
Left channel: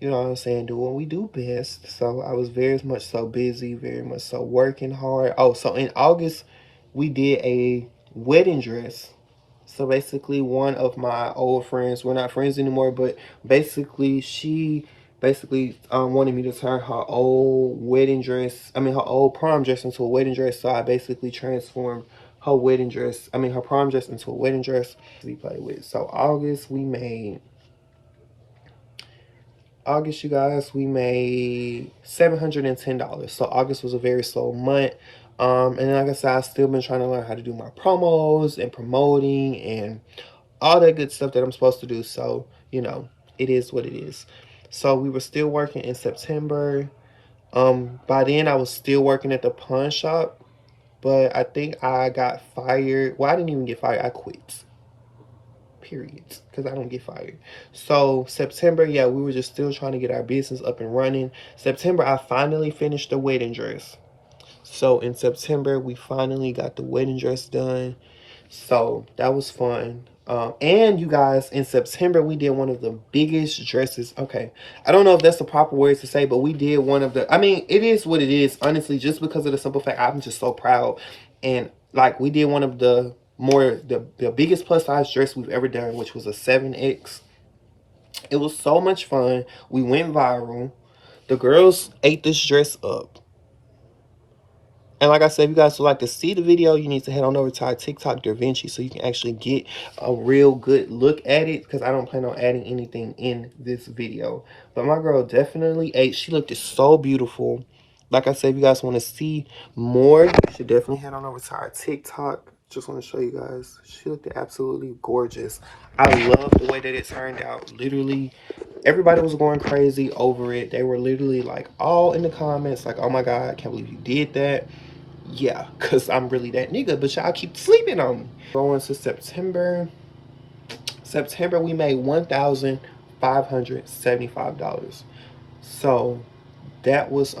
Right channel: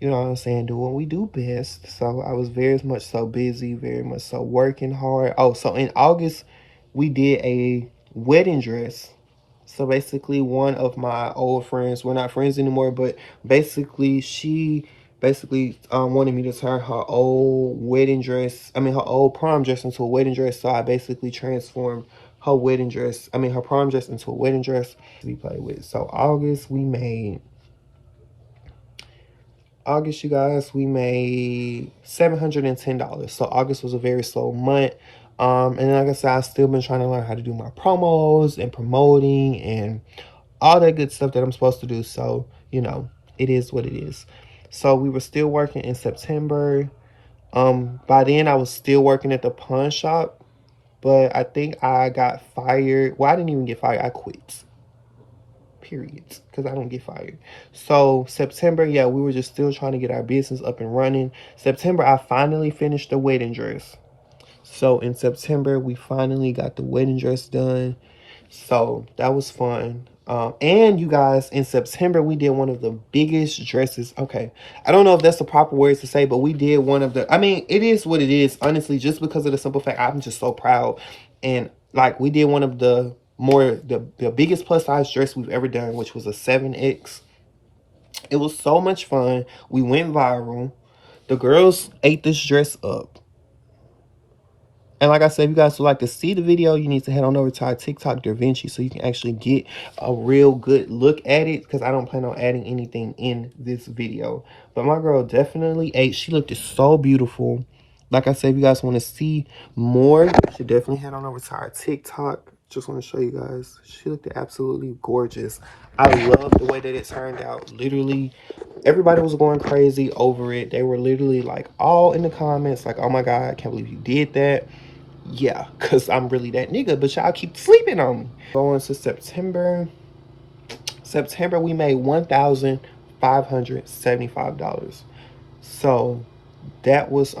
you know what I'm saying, doing what we do best. So I was very much so busy, very much so working hard. Oh, so in August, we did a wedding dress. So basically one of my old friends, we're not friends anymore, but basically she wanted me to turn her old her old prom dress into a wedding dress. So I basically transformed her her prom dress into a wedding dress we play with. So August, you guys, we made $710. So August was a very slow month. And like I said, I've still been trying to learn how to do my promos and promoting and all that good stuff that I'm supposed to do. So, you know, it is what it is. So we were still working in September. By then I was still working at the pawn shop, but I think I got fired. Well, I didn't even get fired. I quit. Period. Because I don't get fired. So September, yeah, we were just still trying to get our business up and running. September, I finally finished the wedding dress. So in September, we finally got the wedding dress done. So that was fun. And you guys, in September, we did one of the biggest dresses. Okay, I don't know if that's the proper words to say, but we did one of the, I mean, it is what it is, honestly, just because of the simple fact, I'm just so proud. And like, we did one of the the biggest plus size dress we've ever done, which was a 7X. It was so much fun. We went viral. The girls ate this dress up. And like I said, if you guys would like to see the video, you need to head on over to our TikTok DaVinci so you can actually get a real good look at it, because I don't plan on adding anything in this video. But my girl definitely ate. She looked so beautiful. Like I said, if you guys want to see more, you should definitely head on over to our TikTok. Just want to show you guys. She looked absolutely gorgeous. I love the way that it turned out. Literally, everybody was going crazy over it. They were literally like all in the comments like, oh my God, I can't believe you did that. Yeah, because I'm really that nigga, but y'all keep sleeping on me. Going to September. September, we made $1,575. So that was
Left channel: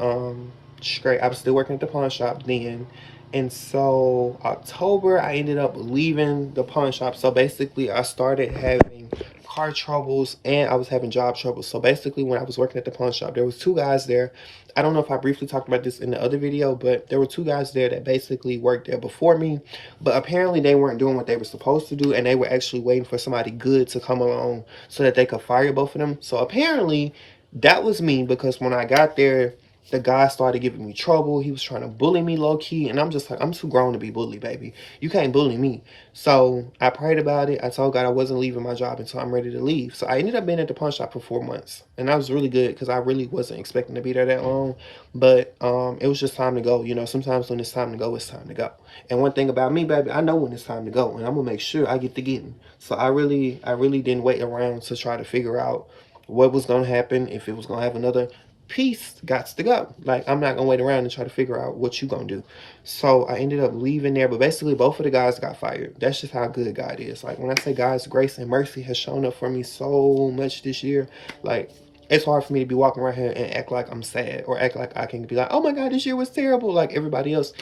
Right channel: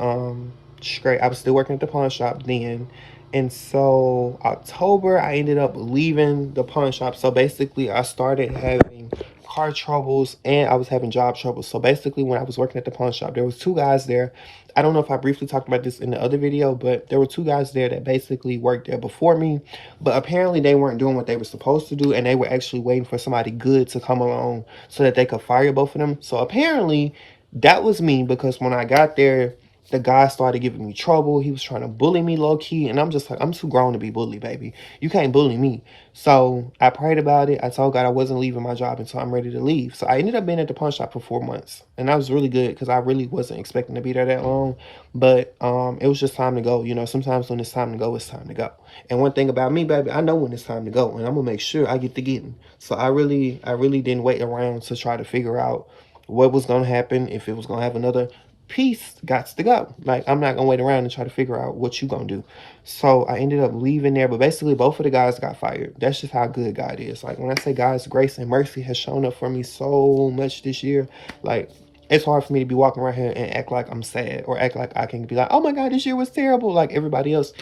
straight. I was still working at the pawn shop then. And so October, I ended up leaving the pawn shop. So basically, I started having car troubles and I was having job troubles. So basically, when I was working at the pawn shop, there was 2 guys there. I don't know if I briefly talked about this in the other video, but there were 2 guys there that basically worked there before me. But apparently, they weren't doing what they were supposed to do, and they were actually waiting for somebody good to come along so that they could fire both of them. So apparently, that was me, because when I got there, the guy started giving me trouble. He was trying to bully me low-key, and I'm just like, I'm too grown to be bullied, baby. You can't bully me. So I prayed about it. I told God I wasn't leaving my job until I'm ready to leave. So I ended up being at the pawn shop for 4 months, and that was really good because I really wasn't expecting to be there that long. But it was just time to go. You know, sometimes when it's time to go, it's time to go. And one thing about me, baby, I know when it's time to go, and I'm gonna make sure I get the getting. So I really didn't wait around to try to figure out what was gonna happen, if it was gonna have another piece. Gots to go. Like, I'm not gonna wait around and try to figure out what you gonna do. So I ended up leaving there, but basically both of the guys got fired. That's just how good God is. Like, when I say God's grace and mercy has shown up for me so much this year, like, it's hard for me to be walking around here and act like I'm sad, or act like I can be like, oh my God, this year was terrible, like everybody else.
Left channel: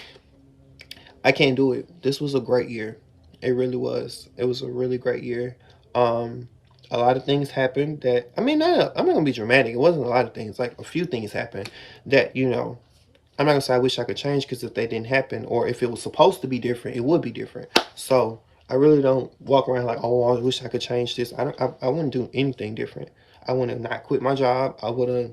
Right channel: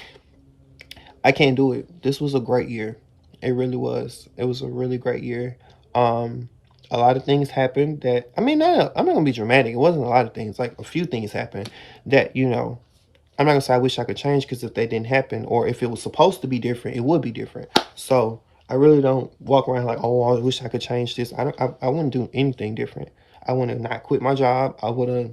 I can't do it. This was a great year. It really was. It was a really great year. A lot of things happened that, I mean, I'm not gonna be dramatic. It wasn't a lot of things. Like, a few things happened that, you know, I'm not gonna say I wish I could change, because if they didn't happen, or if it was supposed to be different, it would be different. So I really don't walk around like, oh, I wish I could change this. I wouldn't do anything different. I would have not quit my job. I would have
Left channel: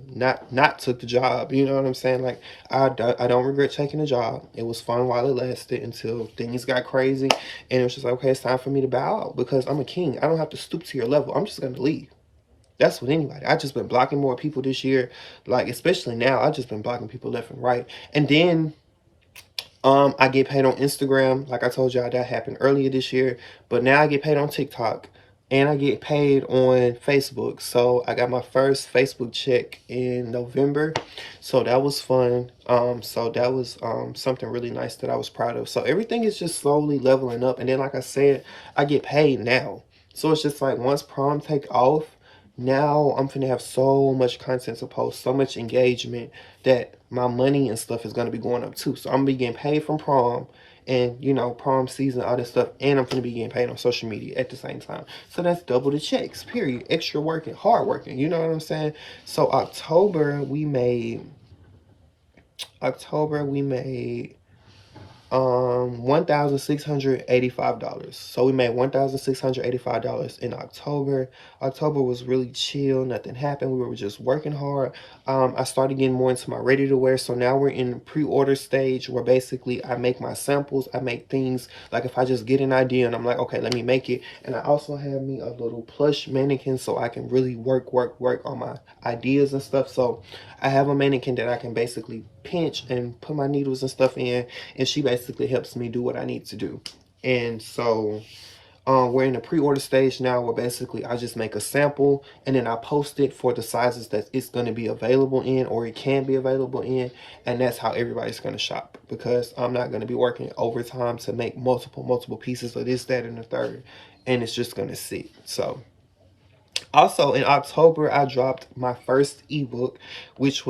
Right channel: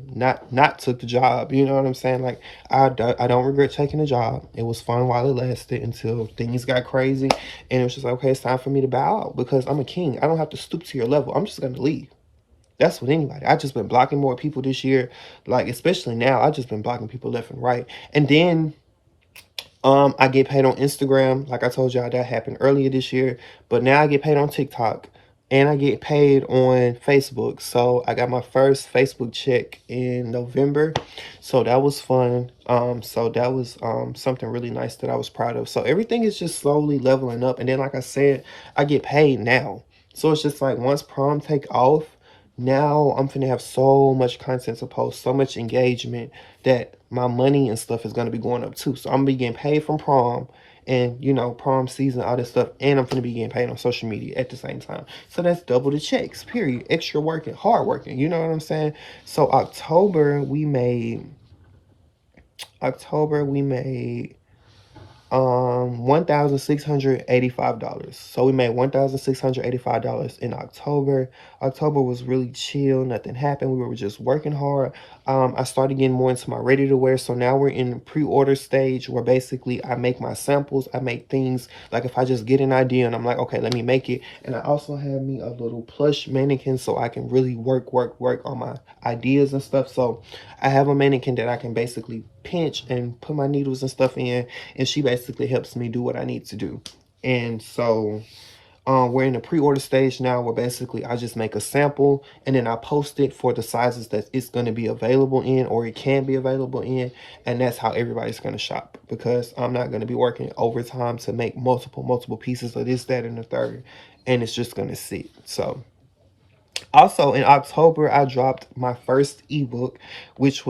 not took the job. You know what I'm saying? Like, I don't regret taking the job. It was fun while it lasted until things got crazy. And it was just like, okay, it's time for me to bow out because I'm a king. I don't have to stoop to your level. I'm just going to leave. That's with anybody. I just been blocking more people this year. Like, especially now, I just been blocking people left and right. And then I get paid on Instagram. Like I told y'all, that happened earlier this year. But now I get paid on TikTok. And I get paid on Facebook. So I got my first Facebook check in November. So that was fun. So that was something really nice that I was proud of. So everything is just slowly leveling up. And then, like I said, I get paid now. So it's just like once prom take off, now I'm gonna have so much content to post, so much engagement that my money and stuff is gonna be going up too. So I'm gonna be getting paid from prom and, you know, prom season, all that stuff, and I'm gonna be getting paid on social media at the same time. So that's double the checks, period. Extra working, hard working, you know what I'm saying? So October we made $1,685. So we made $1,685 in October. October was really chill. Nothing happened. We were just working hard. I started getting more into my ready to wear. So now we're in the pre-order stage where basically I make my samples. I make things like if I just get an idea and I'm like, okay, let me make it. And I also have me a little plush mannequin so I can really work on my ideas and stuff. So I have a mannequin that I can basically pinch and put my needles and stuff in, and she basically helps me do what I need to do. And so we're in the pre-order stage now where basically I just make a sample and then I post it for the sizes that it's going to be available in or it can be available in, and that's how everybody's going to shop because I'm not going to be working overtime to make multiple pieces of this, that, and the third, and it's just going to sit. So also in October, I dropped my first ebook, which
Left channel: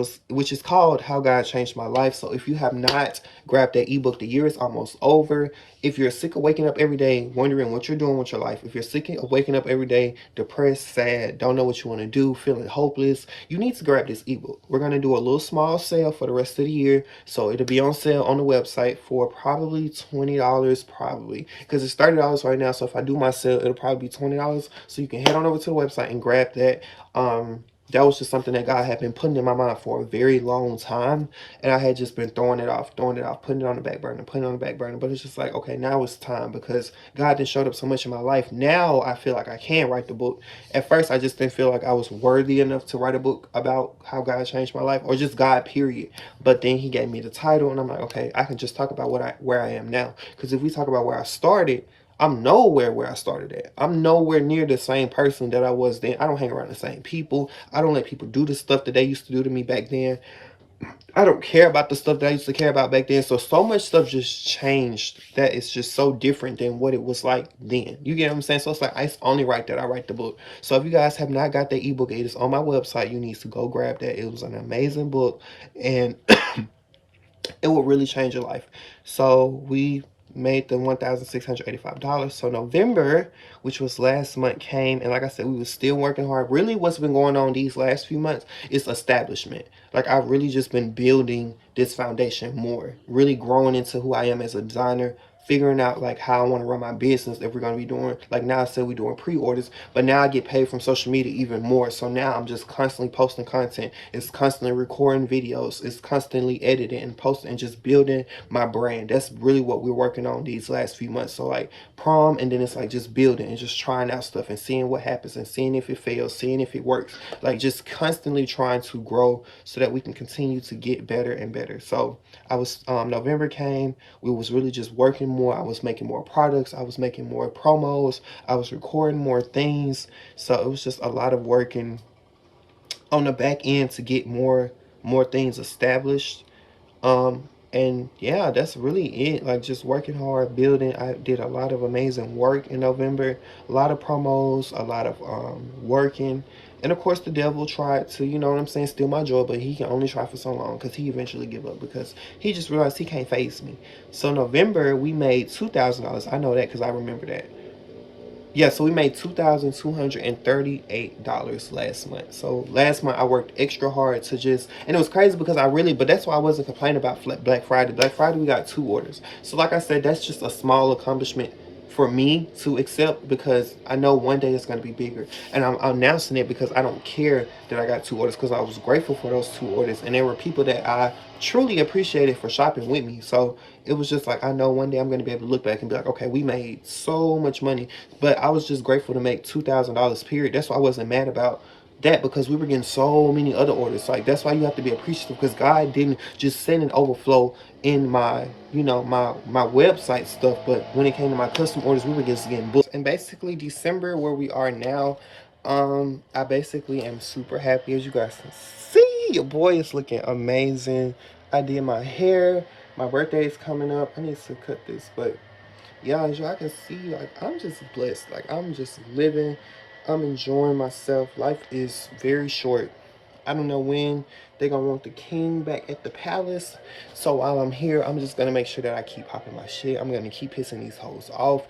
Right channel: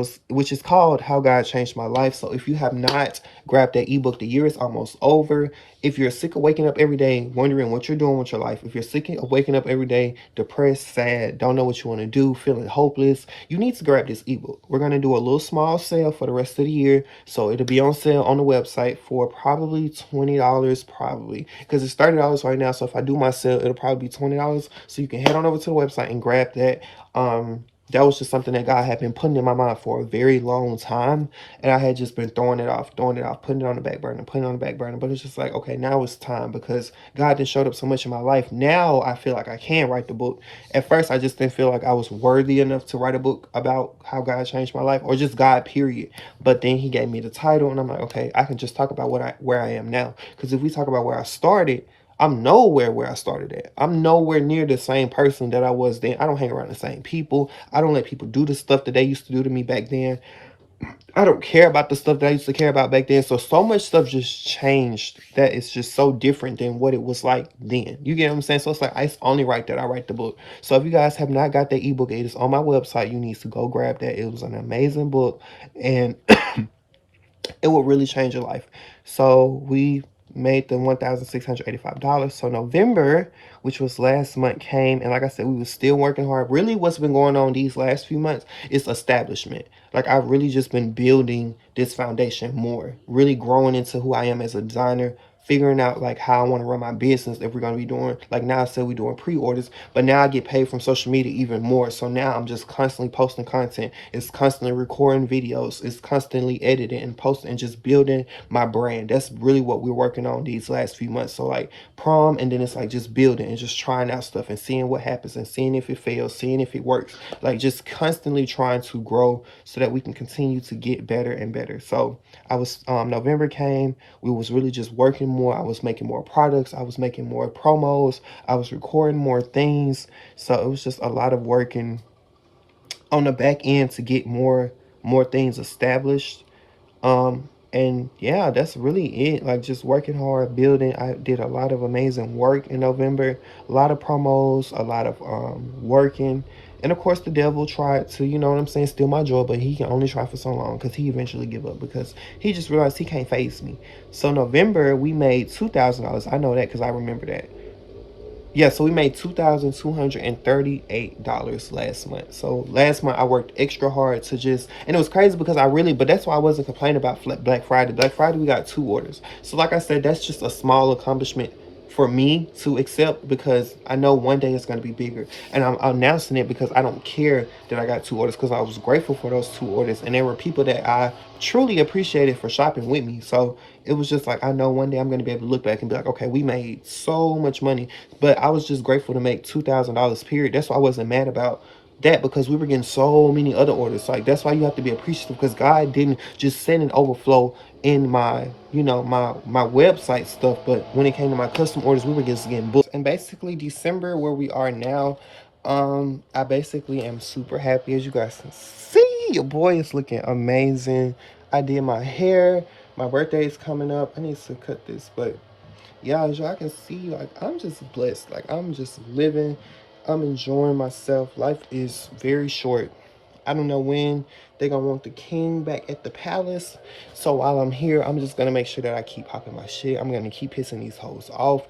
is called How God Changed My Life. So if you have not grabbed that ebook, the year is almost over. If you're sick of waking up every day wondering what you're doing with your life, if you're sick of waking up every day depressed, sad, don't know what you want to do, feeling hopeless, you need to grab this ebook. We're going to do a little small sale for the rest of the year. So it'll be on sale on the website for probably $20, probably, because it's $30 right now. So if I do my sale, it'll probably be $20. So you can head on over to the website and grab that. That was just something that God had been putting in my mind for a very long time. And I had just been throwing it off, putting it on the back burner, putting it on the back burner. But it's just like, okay, now it's time because God done showed up so much in my life. Now I feel like I can write the book. At first, I just didn't feel like I was worthy enough to write a book about how God changed my life or just God, period. But then he gave me the title and I'm like, okay, I can just talk about where I am now. Because if we talk about where I started, I'm nowhere where I started at. I'm nowhere near the same person that I was then. I don't hang around the same people. I don't let people do the stuff that they used to do to me back then. I don't care about the stuff that I used to care about back then. So much stuff just changed that it's just so different than what it was like then. You get what I'm saying? So it's like, it's only right that I write the book. So if you guys have not got the ebook, it is on my website. You need to go grab that. It was an amazing book and it will really change your life. So we made the $1,685. So November, which was last month, came, and like I said, we were still working hard. Really what's been going on these last few months is establishment. Like I've really just been building this foundation more, really growing into who I am as a designer, figuring out like how I want to run my business. If we're going to be doing, like now I said we're doing pre-orders, but now I get paid from social media even more. So now I'm just constantly posting content. It's constantly recording videos. It's constantly editing and posting and just building my brand. That's really what we're working on these last few months. So like prom, and then it's like just building and just trying out stuff and seeing what happens and seeing if it fails, seeing if it works. Like just constantly trying to grow so that we can continue to get better and better. So I was, November came, we was really just working more. I was making more products. I was making more promos. I was recording more things. So it was just a lot of working on the back end to get more things established. And yeah, that's really it. Like just working hard, building. I did a lot of amazing work in November, a lot of promos, a lot of working. And of course the devil tried to, you know what I'm saying, steal my joy, but he can only try for so long because he eventually give up because he just realized he can't face me. So November we made $2,000. I know that because I remember that. Yeah, so we made $2,238 last month. So last month I worked extra hard to just, and it was crazy because but that's why I wasn't complaining about Black Friday. Black Friday we got 2 orders. So like I said, that's just a small accomplishment for me to accept, because I know one day it's going to be bigger. And I'm announcing it because I don't care that I got 2 orders, because I was grateful for those 2 orders. And there were people that I truly appreciated for shopping with me. So it was just like, I know one day I'm going to be able to look back and be like, okay, we made so much money. But I was just grateful to make $2,000, period. That's why I wasn't mad about that, because we were getting so many other orders. Like, that's why you have to be appreciative, because God didn't just send an overflow in my, my website stuff, but when it came to my custom orders, we were just getting booked. And basically December, where we are now, I basically am super happy. As you guys can see, your boy is looking amazing. I did my hair. My birthday is coming up. I need to cut this, but yeah, as y'all can see, like, I'm just blessed. Like, I'm just living. I'm enjoying myself. Life is very short. I don't know when they're gonna want the king back at the palace. So while I'm here, I'm just gonna make sure that I keep popping my shit. I'm gonna keep pissing these hoes off.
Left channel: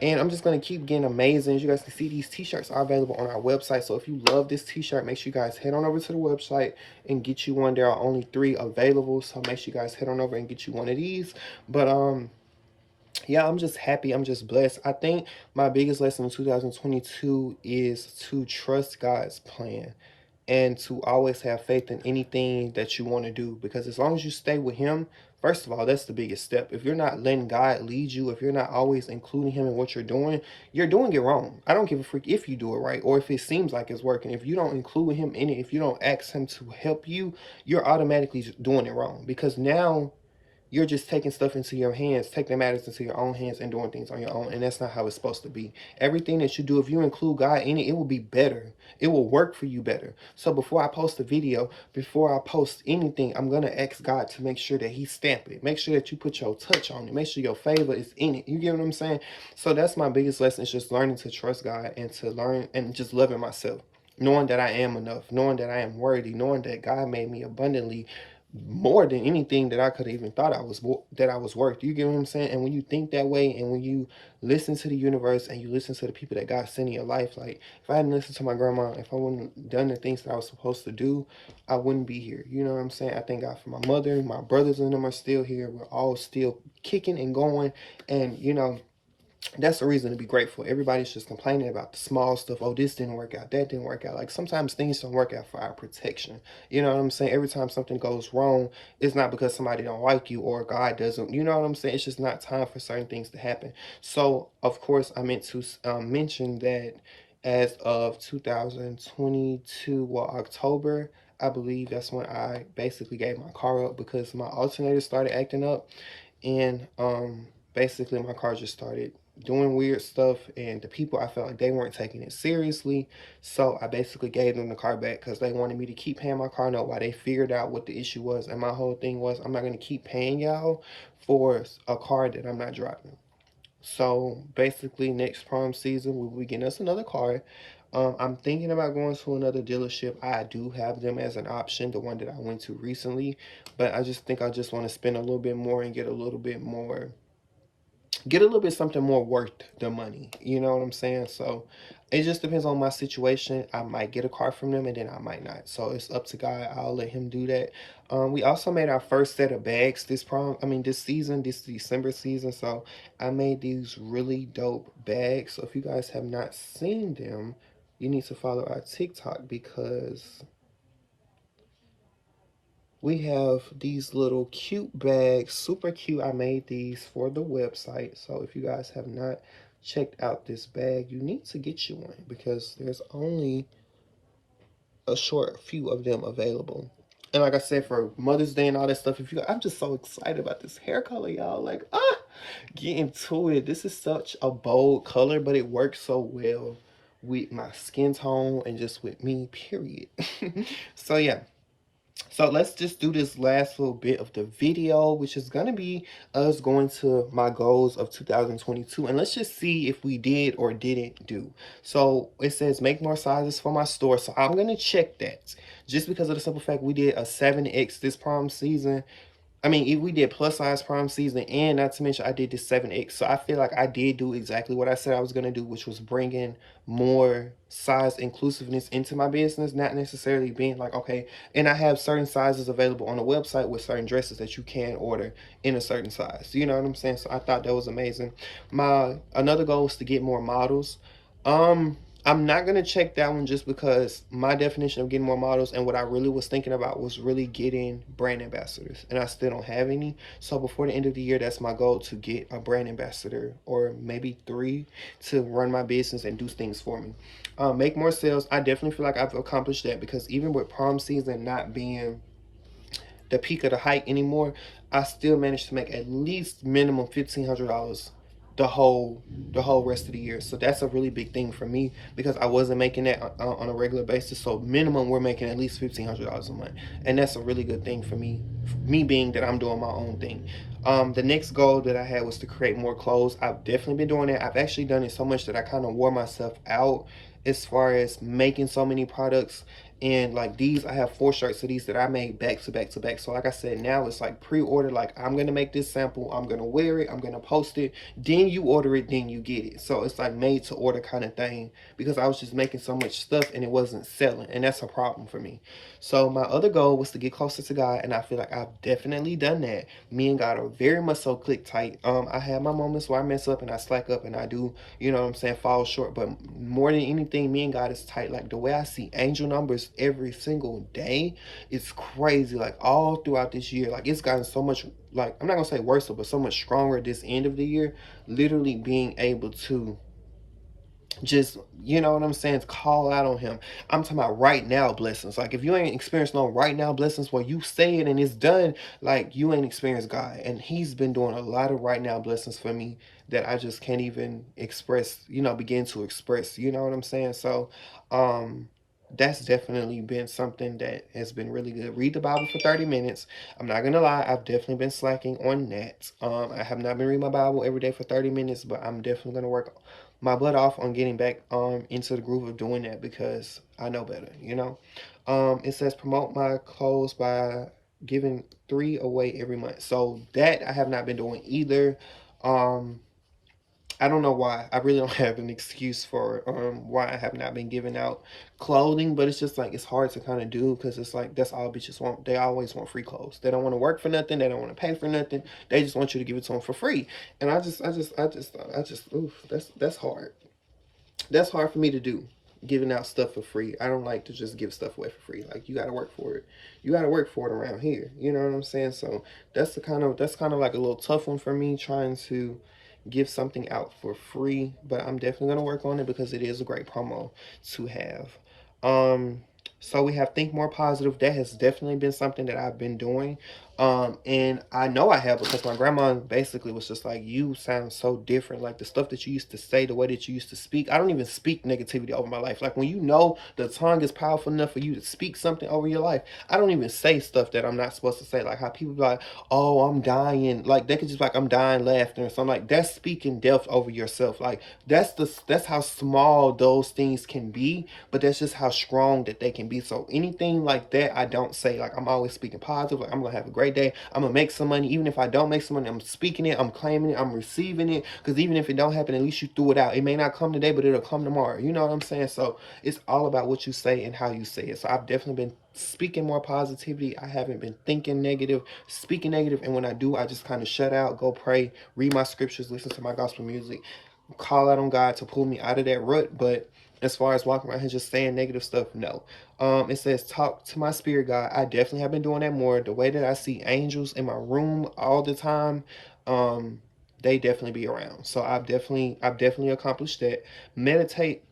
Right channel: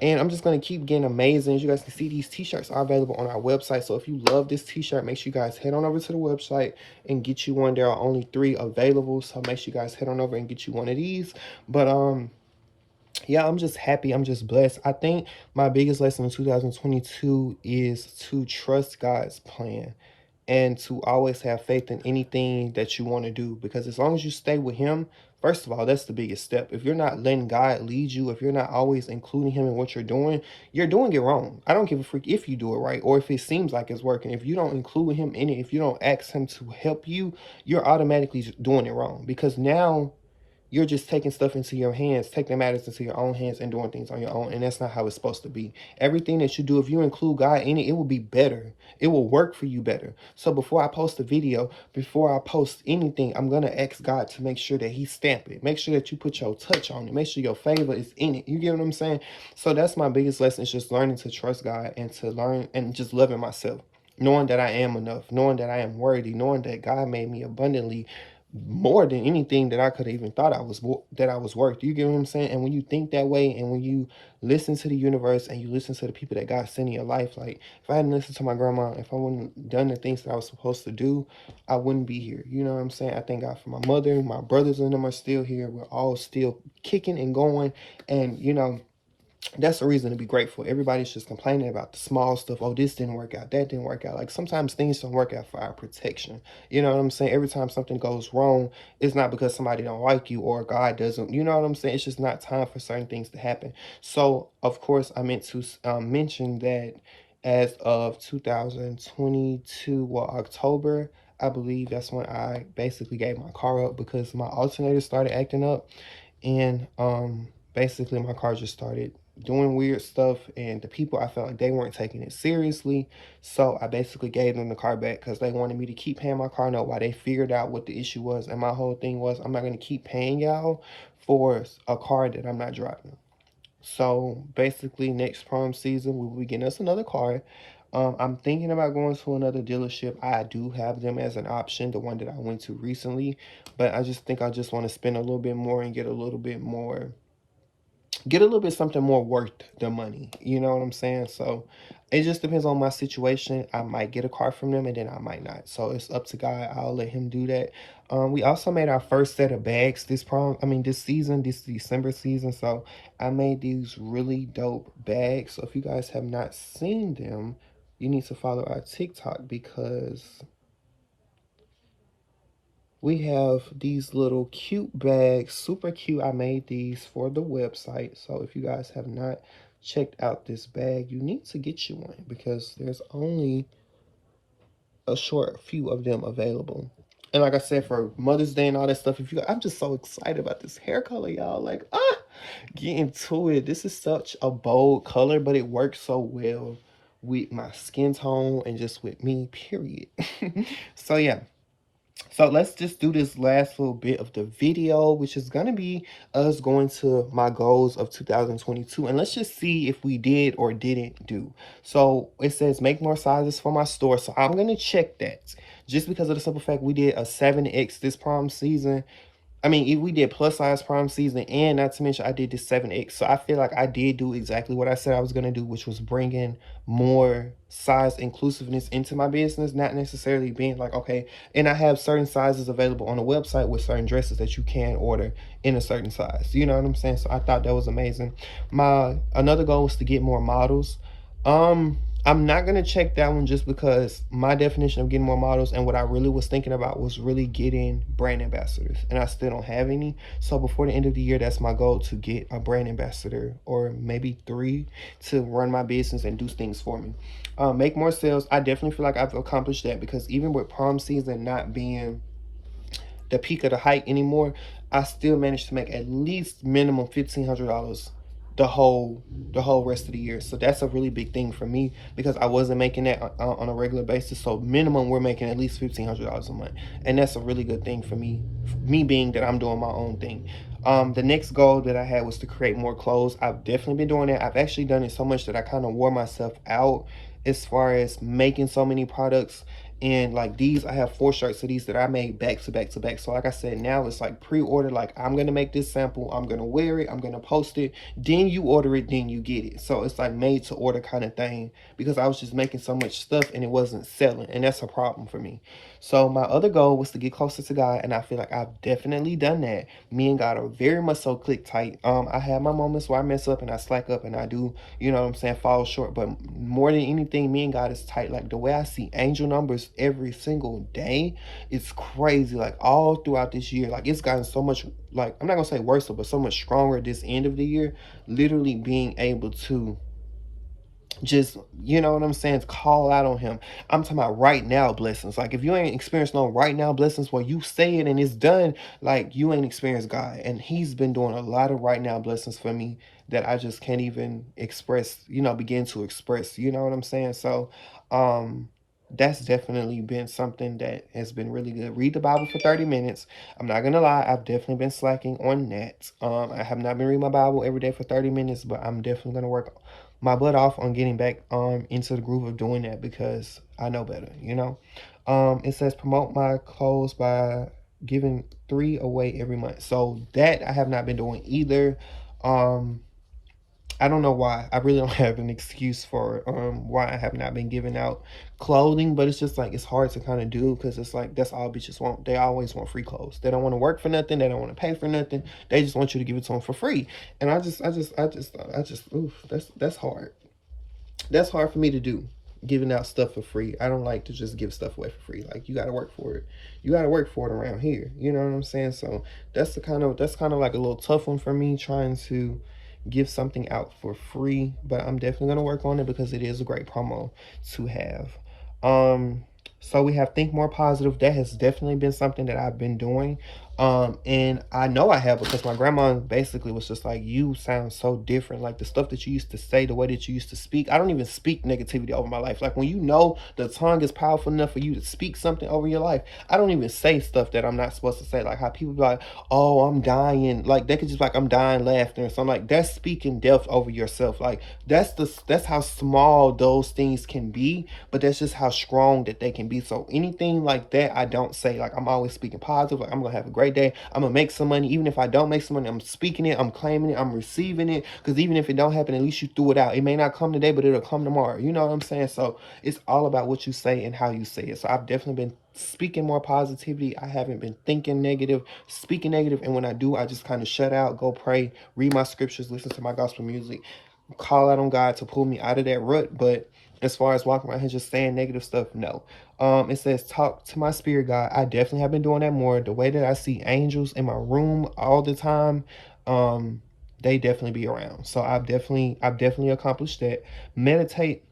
And I'm just gonna keep getting amazing. As you guys can see, these t-shirts are available on our website. So if you love this t-shirt, make sure you guys head on over to the website and get you one. There are only 3 available. So make sure you guys head on over and get you one of these. But yeah, I'm just happy. I'm just blessed. I think my biggest lesson in 2022 is to trust God's plan and to always have faith in anything that you want to do. Because as long as you stay with him, first of all, that's the biggest step. If you're not letting God lead you, if you're not always including him in what you're doing it wrong. I don't give a freak if you do it right or if it seems like it's working. If you don't include him in it, if you don't ask him to help you, you're automatically doing it wrong. Because now you're just taking stuff into your hands, taking matters into your own hands and doing things on your own. And that's not how it's supposed to be. Everything that you do, if you include God in it, it will be better. It will work for you better. So before I post a video, before I post anything, I'm going to ask God to make sure that he stamp it. Make sure that you put your touch on it. Make sure your favor is in it. You get what I'm saying? So that's my biggest lesson, is just learning to trust God and to learn and just loving myself. Knowing that I am enough. Knowing that I am worthy. Knowing that God made me abundantly more than anything that I could have even thought I was worth. You get what I'm saying? And when you think that way, and when you listen to the universe and you listen to the people that God sent in your life, like if I hadn't listened to my grandma, if I wouldn't have done the things that I was supposed to do, I wouldn't be here. You know what I'm saying? I thank God for my mother. My brothers and them are still here. We're all still kicking and going. And that's a reason to be grateful. Everybody's just complaining about the small stuff. Oh, this didn't work out. That didn't work out. Like, sometimes things don't work out for our protection. You know what I'm saying? Every time something goes wrong, it's not because somebody don't like you or God doesn't. You know what I'm saying? It's just not time for certain things to happen. So, of course, I meant to mention that as of 2022, well, October, I believe that's when I basically gave my car up, because my alternator started acting up. And basically my car just started doing weird stuff, and the people, I felt like they weren't taking it seriously. So I basically gave them the car back because they wanted me to keep paying my car note while they figured out what the issue was. And my whole thing was, I'm not going to keep paying y'all for a car that I'm not driving. So basically next prom season we'll be getting us another car. I'm thinking about going to another dealership. I do have them as an option, the one that I went to recently, but I just think I just want to spend a little bit more and get a little bit something more worth the money. You know what I'm saying? So it just depends on my situation. I might get a car from them and then I might not. So it's up to God. I'll let him do that. We also made our first set of bags this season, this December season. So I made these really dope bags. So if you guys have not seen them, you need to follow our TikTok, because we have these little cute bags, super cute. I made these for the website. So if you guys have not checked out this bag, you need to get you one, because there's only a short few of them available. And like I said, for Mother's Day and all that stuff, I'm just so excited about this hair color, y'all. Like, get into it. This is such a bold color, but it works so well with my skin tone and just with me, period. So yeah. So let's just do this last little bit of the video, which is going to be us going to my goals of 2022. And let's just see if we did or didn't do. So it says make more sizes for my store. So I'm going to check that, just because of the simple fact we did a 7X this prom season. I mean, we did plus size prom season, and not to mention I did this 7X. So I feel like I did do exactly what I said I was going to do, which was bring in more size inclusiveness into my business, not necessarily being like, okay, and I have certain sizes available on the website with certain dresses that you can order in a certain size. You know what I'm saying? So I thought that was amazing. My another goal was to get more models. I'm not gonna check that one just because my definition of getting more models and what I really was thinking about was really getting brand ambassadors, and I still don't have any. So before the end of the year, that's my goal, to get a brand ambassador or maybe 3 to run my business and do things for me. Make more sales. I definitely feel like I've accomplished that, because even with prom season not being the peak of the hype anymore, I still managed to make at least minimum $1,500 the whole rest of the year. So that's a really big thing for me, because I wasn't making that on a regular basis. So minimum, we're making at least $1,500 a month, and that's a really good thing for me. Me being that I'm doing my own thing. The next goal that I had was to create more clothes. I've definitely been doing that. I've actually done it so much that I kind of wore myself out as far as making so many products. And like these, I have 4 shirts of these that I made back to back to back. So like I said, now it's like pre-order. Like, I'm gonna make this sample, I'm gonna wear it, I'm gonna post it, then you order it, then you get it. So it's like made to order kind of thing, because I was just making so much stuff and it wasn't selling, and that's a problem for me. So my other goal was to get closer to God, and I feel like I've definitely done that. Me and God are very much so click tight. I have my moments where I mess up and I slack up and I do, you know what I'm saying, fall short. But more than anything, me and God is tight. Like, the way I see angel numbers every single day, it's crazy. Like, all throughout this year, like, it's gotten so much, like, I'm not gonna say worse, but so much stronger this end of the year. Literally being able to just, you know what I'm saying, call out on him. I'm talking about right now blessings. Like, if you ain't experienced no right now blessings where you say it and it's done, like, you ain't experienced God. And he's been doing a lot of right now blessings for me that I just can't even express, you know, begin to express, you know what I'm saying? So that's definitely been something that has been really good. Read the Bible for 30 minutes. I'm not gonna lie, I've definitely been slacking on that. I have not been reading my Bible every day for 30 minutes, but I'm definitely gonna work my butt off on getting back into the groove of doing that, because I know better, you know. It says promote my clothes by giving 3 away every month. So that I have not been doing either. I don't know why. I really don't have an excuse for why I have not been giving out clothing, but it's just like, it's hard to kind of do, because it's like, that's all bitches want. They always want free clothes. They don't want to work for nothing. They don't want to pay for nothing. They just want you to give it to them for free. And oof, that's hard. That's hard for me to do, giving out stuff for free. I don't like to just give stuff away for free. Like, you got to work for it. You got to work for it around here. You know what I'm saying? So that's kind of like a little tough one for me, trying to give something out for free. But I'm definitely going to work on it, because it is a great promo to have. So we have Think More Positive. That has definitely been something that I've been doing. And I know I have, because my grandma basically was just like, you sound so different. Like, the stuff that you used to say, the way that you used to speak, I don't even speak negativity over my life. Like, when you know the tongue is powerful enough for you to speak something over your life, I don't even say stuff that I'm not supposed to say. Like, how people be like, oh, I'm dying. Like, they could just be like, I'm dying laughing. So I'm like, that's speaking death over yourself. Like, that's how small those things can be, but that's just how strong that they can be. So anything like that, I don't say. Like, I'm always speaking positive. Like, I'm gonna have a great day. I'm gonna make some money. Even if I don't make some money, I'm speaking it, I'm claiming it, I'm receiving it. Because even if it don't happen, at least you threw it out. It may not come today, but it'll come tomorrow. You know what I'm saying? So it's all about what you say and how you say it. So I've definitely been speaking more positivity. I haven't been thinking negative, speaking negative. And when I do, I just kind of shut out, go pray, read my scriptures, listen to my gospel music, call out on God to pull me out of that rut. But as far as walking around here just saying negative stuff, no. It says talk to my spirit guide. I definitely have been doing that more. The way that I see angels in my room all the time, they definitely be around. So I've definitely accomplished that. Meditate,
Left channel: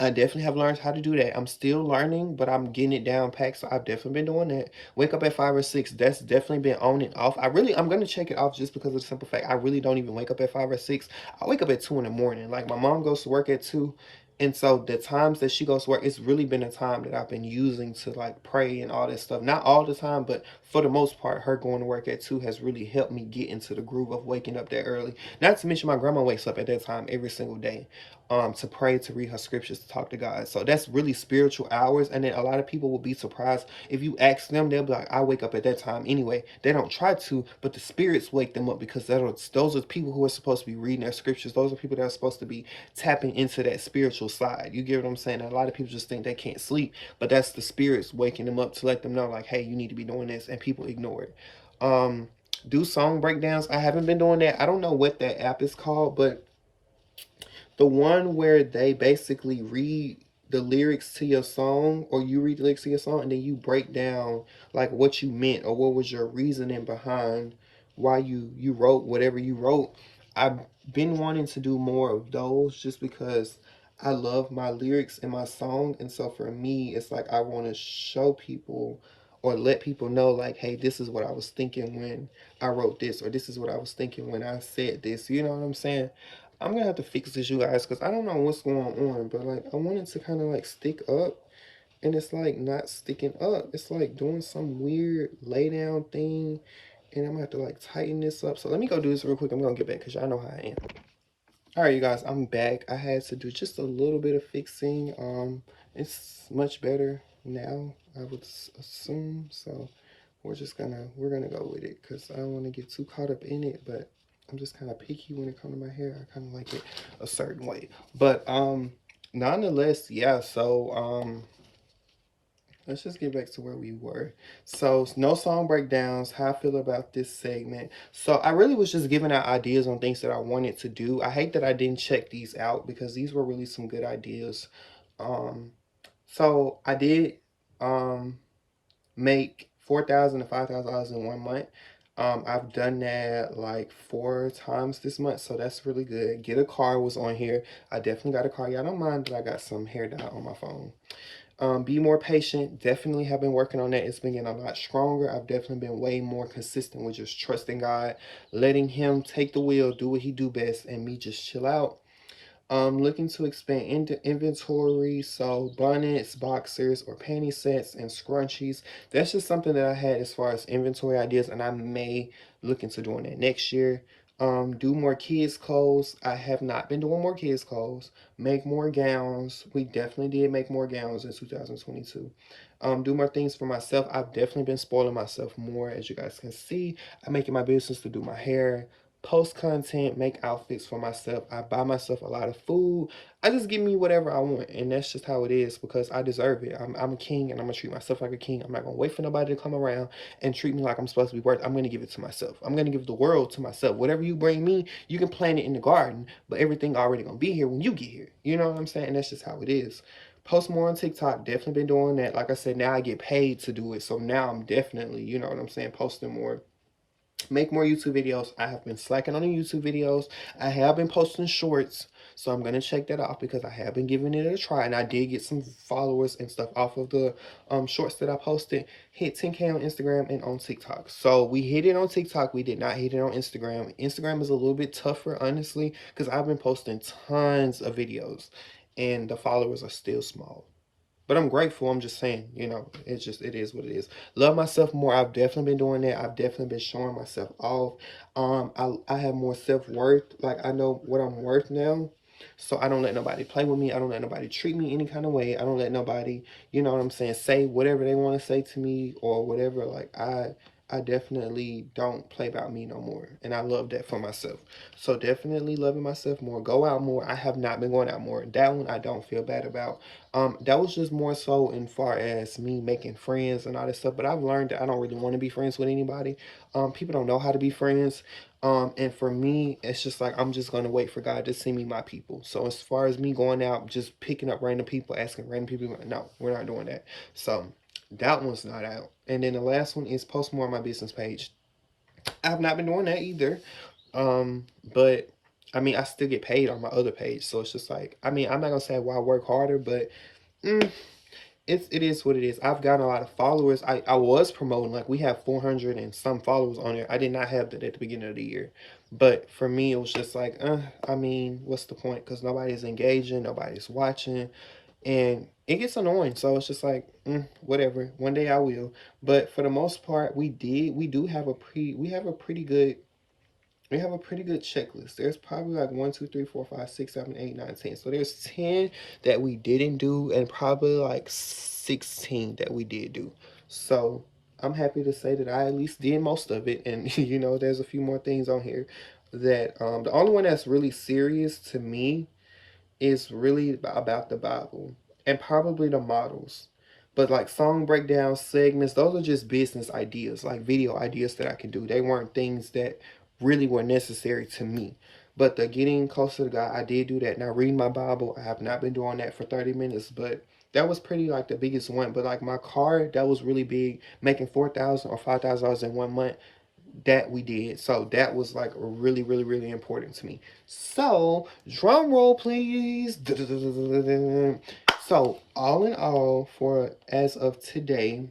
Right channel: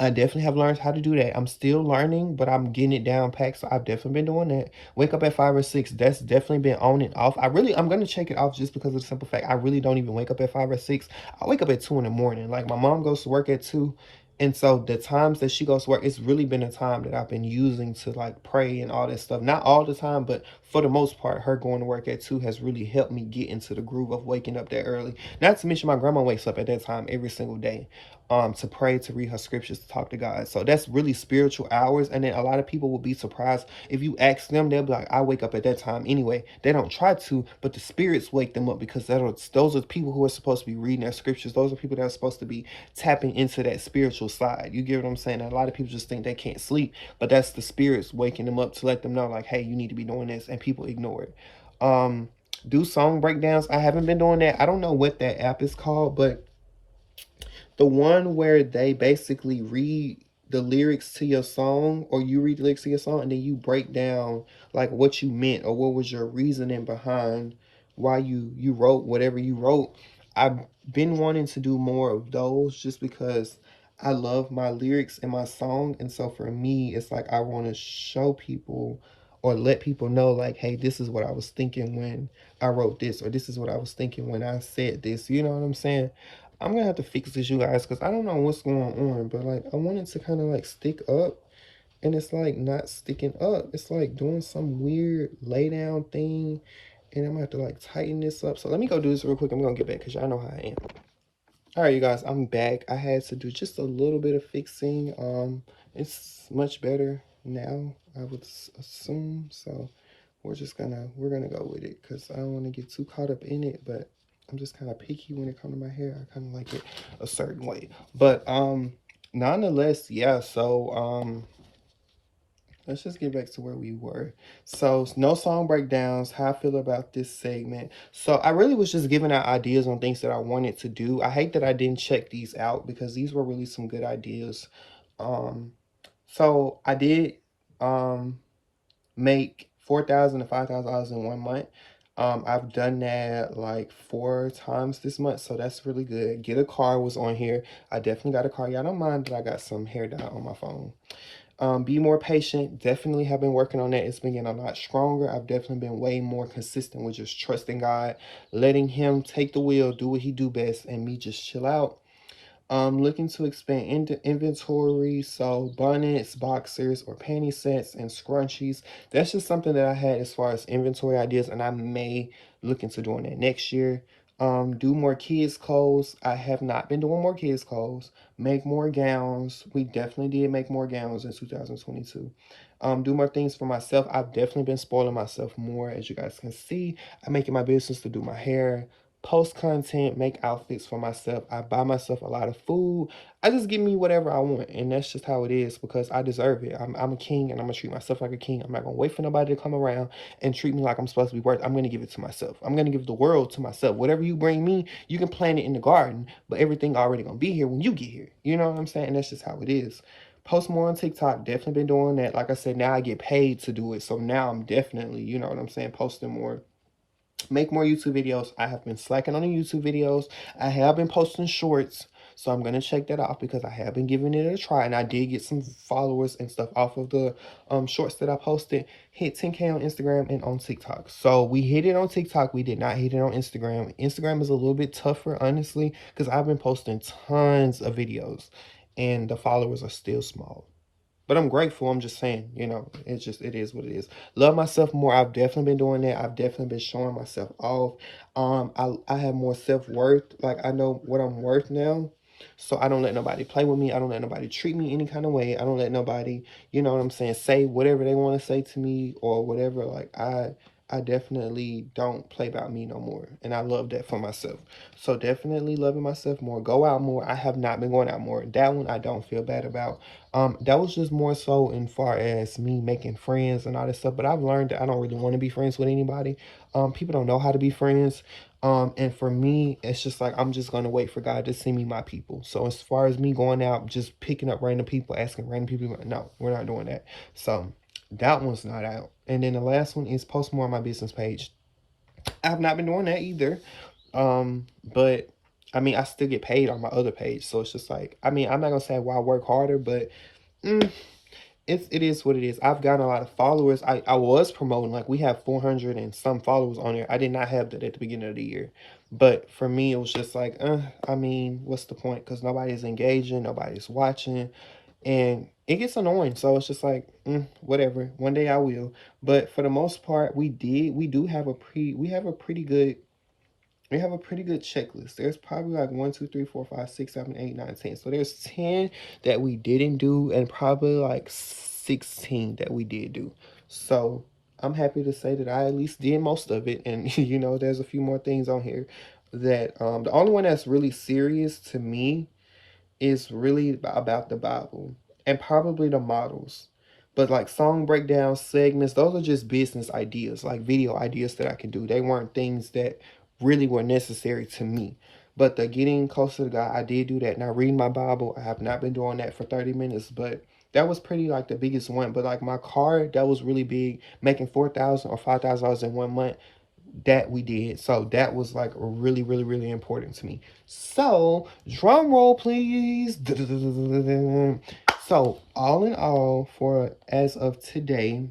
I definitely have learned how to do that. I'm still learning, but I'm getting it down packed. So I've definitely been doing that. Wake up at 5 or 6. That's definitely been on and off. I'm going to check it off, just because of the simple fact I really don't even wake up at 5 or 6. I wake up at 2 in the morning. Like, my mom goes to work at 2. And so the times that she goes to work, it's really been a time that I've been using to like pray and all that stuff. Not all the time, but for the most part, her going to work at 2 has really helped me get into the groove of waking up that early. Not to mention my grandma wakes up at that time every single day, to pray, to read her scriptures, to talk to God. So that's really spiritual hours. And then a lot of people will be surprised if you ask them, they'll be like, I wake up at that time anyway. They don't try to, but the spirits wake them up, because those are people who are supposed to be reading their scriptures. Those are people that are supposed to be tapping into that spiritual side. You get what I'm saying? And a lot of people just think they can't sleep, but that's the spirits waking them up to let them know, like, hey, you need to be doing this, and people ignore it. Do song breakdowns. I haven't been doing that. I don't know what that app is called, but the one where they basically read the lyrics to your song, or you read the lyrics to your song, and then you break down like what you meant, or what was your reasoning behind why you wrote whatever you wrote. I've been wanting to do more of those, just because I love my lyrics in my song. And so for me, it's like I want to show people, or let people know, like, hey, this is what I was thinking when I wrote this, or this is what I was thinking when I said this. You know what I'm saying? I'm gonna have to fix this, you guys, because I don't know what's going on, but like I want it to kind of like stick up, and it's like not sticking up. It's like doing some weird lay down thing, and I'm gonna have to like tighten this up. So let me go do this real quick. I'm gonna get back, because y'all know how I am. All right, you guys, I'm back. I had to do just a little bit of fixing. It's much better now, I would assume. So we're gonna go with it, because I don't want to get too caught up in it, but I'm just kind of picky when it comes to my hair. I kind of like it a certain way. But nonetheless, yeah. So let's just get back to where we were. So no song breakdowns. How I feel about this segment. So I really was just giving out ideas on things that I wanted to do. I hate that I didn't check these out, because these were really some good ideas. So I did make $4,000 to $5,000 in 1 month. I've done that like 4 times this month, so that's really good. Get a car was on here. I definitely got a car. Y'all don't mind that I got some hair dye on my phone. Be more patient. Definitely have been working on that. It's been getting a lot stronger. I've definitely been way more consistent with just trusting God, letting him take the wheel, do what he do best, and me just chill out. Looking to expand into inventory, so bonnets, boxers, or panty sets, and scrunchies. That's just something that I had as far as inventory ideas, and I may look into doing that next year. Do more kids clothes. I have not been doing more kids clothes. Make more gowns. We definitely did make more gowns in 2022. Do more things for myself. I've definitely been spoiling myself more, as you guys can see. I'm making my business to do my hair, post content, make outfits for myself. I buy myself a lot of food. I just give me whatever I want, and that's just how it is, because I deserve it. I'm a king, and I'm gonna treat myself like a king. I'm not gonna wait for nobody to come around and treat me like I'm supposed to be worth. I'm gonna give it to myself. I'm gonna give the world to myself. Whatever you bring me, you can plant it in the garden, but everything already gonna be here when you get here. You know what I'm saying? And that's just how it is. Post more on TikTok. Definitely been doing that. Like I said, now I get paid to do it, so now I'm definitely, you know what I'm saying, posting more. Make more YouTube videos. I have been slacking on the YouTube videos. I have been posting shorts, so I'm gonna check that off, because I have been giving it a try, and I did get some followers and stuff off of the shorts that I posted. Hit 10K on Instagram and on TikTok. So we hit it on TikTok. We did not hit it on Instagram. Instagram is a little bit tougher, honestly, because I've been posting tons of videos, and the followers are still small. But I'm grateful. I'm just saying, you know, it is what it is. Love myself more. I've definitely been doing that. I've definitely been showing myself off. I have more self-worth. Like, I know what I'm worth now. So I don't let nobody play with me. I don't let nobody treat me any kind of way. I don't let nobody, you know what I'm saying, say whatever they want to say to me or whatever. Like, I definitely don't play about me no more. And I love that for myself. So definitely loving myself more. Go out more. I have not been going out more. That one I don't feel bad about. That was just more so in far as me making friends and all this stuff. But I've learned that I don't really want to be friends with anybody. People don't know how to be friends. And for me, it's just like, I'm just going to wait for God to send me my people. So as far as me going out, just picking up random people, asking random people, no, we're not doing that. So that one's not out. And then the last one is post more on my business page. I have not been doing that either. But I mean, I still get paid on my other page. So it's just like, I mean, I'm not going to say why I work harder, but it is what it is. I've gotten a lot of followers. I was promoting, like, we have 400 and some followers on there. I did not have that at the beginning of the year. But for me, it was just like, I mean, what's the point? Because nobody's engaging, nobody's watching. And it gets annoying. So it's just like, whatever. One day I will. But for the most part, we do have we have a pretty good checklist. There's probably like 1, 2, 3, 4, 5, 6, 7, 8, 9, 10. So there's 10 that we didn't do, and probably like 16 that we did do. So I'm happy to say that I at least did most of it. And you know, there's a few more things on here that the only one that's really serious to me is really about the Bible and probably the models. But like song breakdowns, segments, those are just business ideas, like video ideas that I can do. They weren't things that really were necessary to me. But the getting closer to God, I did do that. Now reading my Bible, I have not been doing that for 30 minutes, but that was pretty like the biggest one. But like my car, that was really big. Making $4,000 or $5,000 in 1 month, that we did. So that was like really, really, really important to me. So drum roll, please. So all in all, for as of today,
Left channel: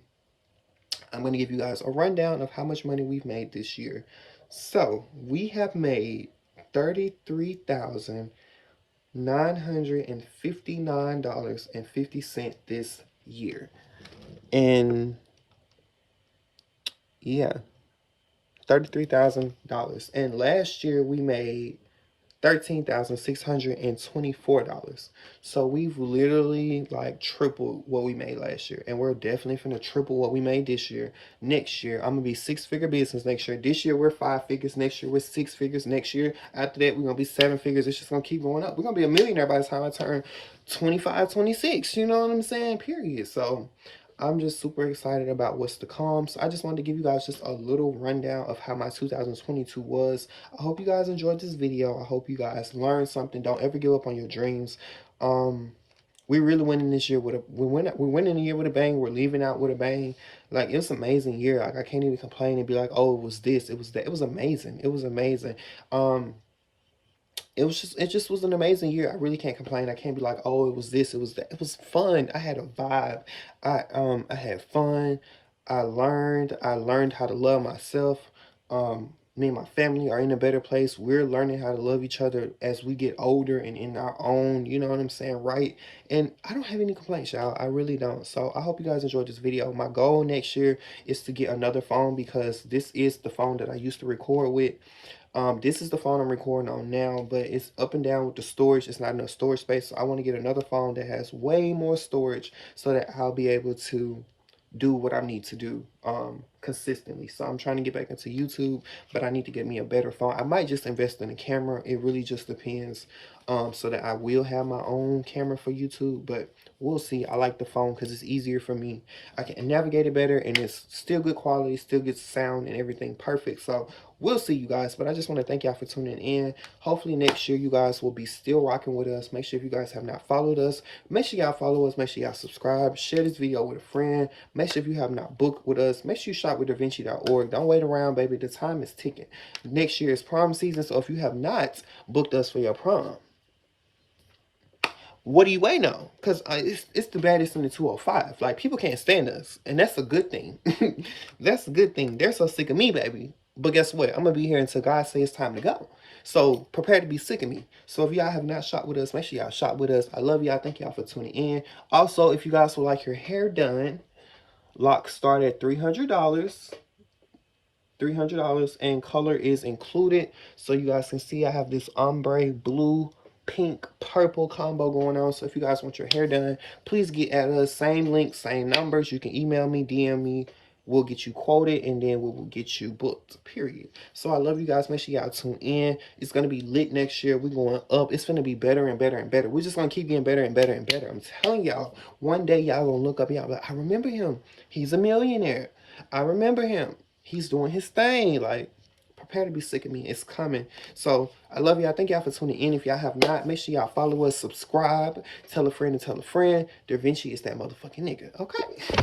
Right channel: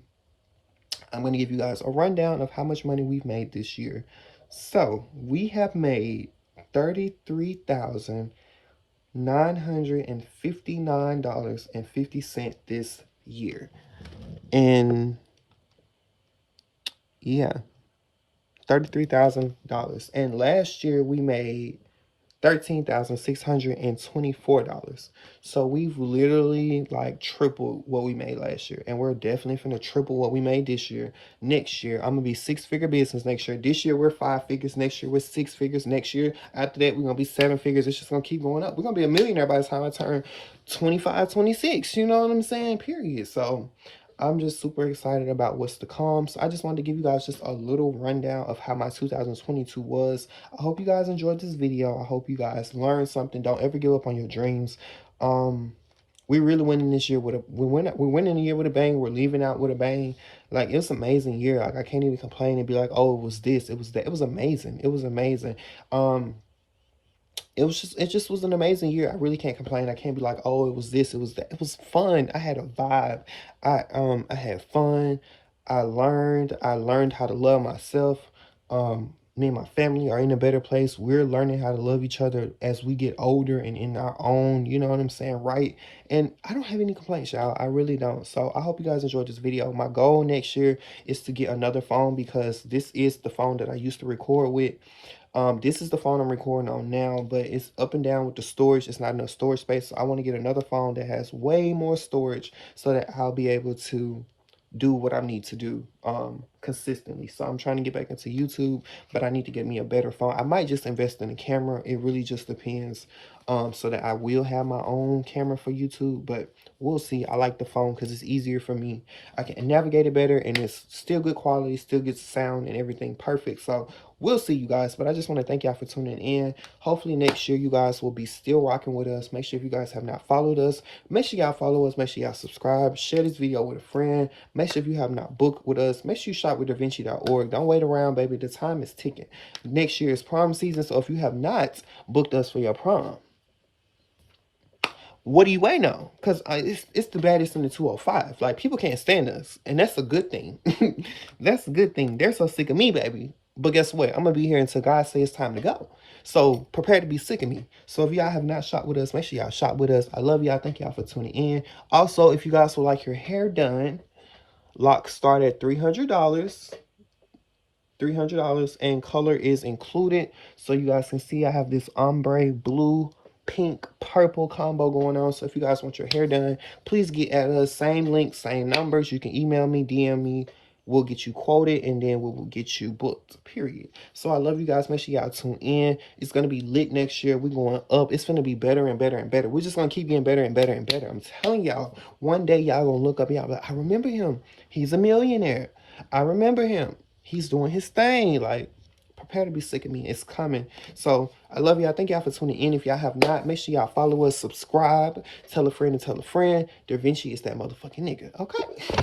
I'm going to give you guys a rundown of how much money we've made this year. So we have made $33,959.50 this year. And yeah, $33,000. And last year we made $13,624. So we've literally like tripled what we made last year. And we're definitely finna triple what we made this year. Next year, I'm gonna be 6-figure business next year. This year we're 5 figures. Next year we're 6 figures. Next year, after that, we're gonna be 7 figures. It's just gonna keep going up. We're gonna be a millionaire by the time I turn 25, 26. You know what I'm saying? Period. So I'm just super excited about what's to come. So I just wanted to give you guys just a little rundown of how my 2022 was. I hope you guys enjoyed this video. I hope you guys learned something. Don't ever give up on your dreams. We really winning this year with a we're winning the year with a bang. We're leaving out with a bang. Like, it's an amazing year. Like, I can't even complain and be like, oh, it was this, it was that. It was amazing. It was amazing. It just was an amazing year. I really can't complain. I can't be like, oh, it was this, it was that. It was fun. I had a vibe. I had fun. I learned how to love myself. Me and my family are in a better place. We're learning how to love each other as we get older and in our own, you know what I'm saying, right? And I don't have any complaints, y'all. I really don't. So I hope you guys enjoyed this video. My goal next year is to get another phone, because this is the phone that I used to record with. This is the phone I'm recording on now, but it's up and down with the storage. It's not enough storage space. So I want to get another phone that has way more storage so that I'll be able to do what I need to do consistently. So I'm trying to get back into YouTube, but I need to get me a better phone. I might just invest in a camera. It really just depends, so that I will have my own camera for YouTube, but we'll see. I like the phone because it's easier for me. I can navigate it better, and it's still good quality, still gets sound and everything perfect. So we'll see, you guys. But I just want to thank y'all for tuning in. Hopefully next year you guys will be still rocking with us. Make sure if you guys have not followed us, make sure y'all follow us. Make sure y'all subscribe. Share this video with a friend. Make sure if you have not booked with us, make sure you shop with DaVinci.org. Don't wait around, baby. The time is ticking. Next year is prom season. So if you have not booked us for your prom, what do you wait on? Because it's the baddest in the 205. Like, people can't stand us, and that's a good thing. That's a good thing. They're so sick of me, baby. But guess what? I'm going to be here until God says it's time to go. So prepare to be sick of me. So if y'all have not shot with us, make sure y'all shot with us. I love y'all. Thank y'all for tuning in. Also, if you guys would like your hair done, locks start at $300. $300, and color is included. So you guys can see I have this ombre blue, pink, purple combo going on. So if you guys want your hair done, please get at us. Same link, same numbers. You can email me, DM me. We'll get you quoted, and then we will get you booked, period. So I love you guys. Make sure y'all tune in. It's going to be lit next year. We're going up. It's going to be better and better and better. We're just going to keep getting better and better and better. I'm telling y'all, one day y'all going to look up, y'all like, I remember him. He's a millionaire. I remember him. He's doing his thing. Like, prepare to be sick of me. It's coming. So I love y'all. Thank y'all for tuning in. If y'all have not, make sure y'all follow us, subscribe, tell a friend and tell a friend. DaVinci is that motherfucking nigga. Okay.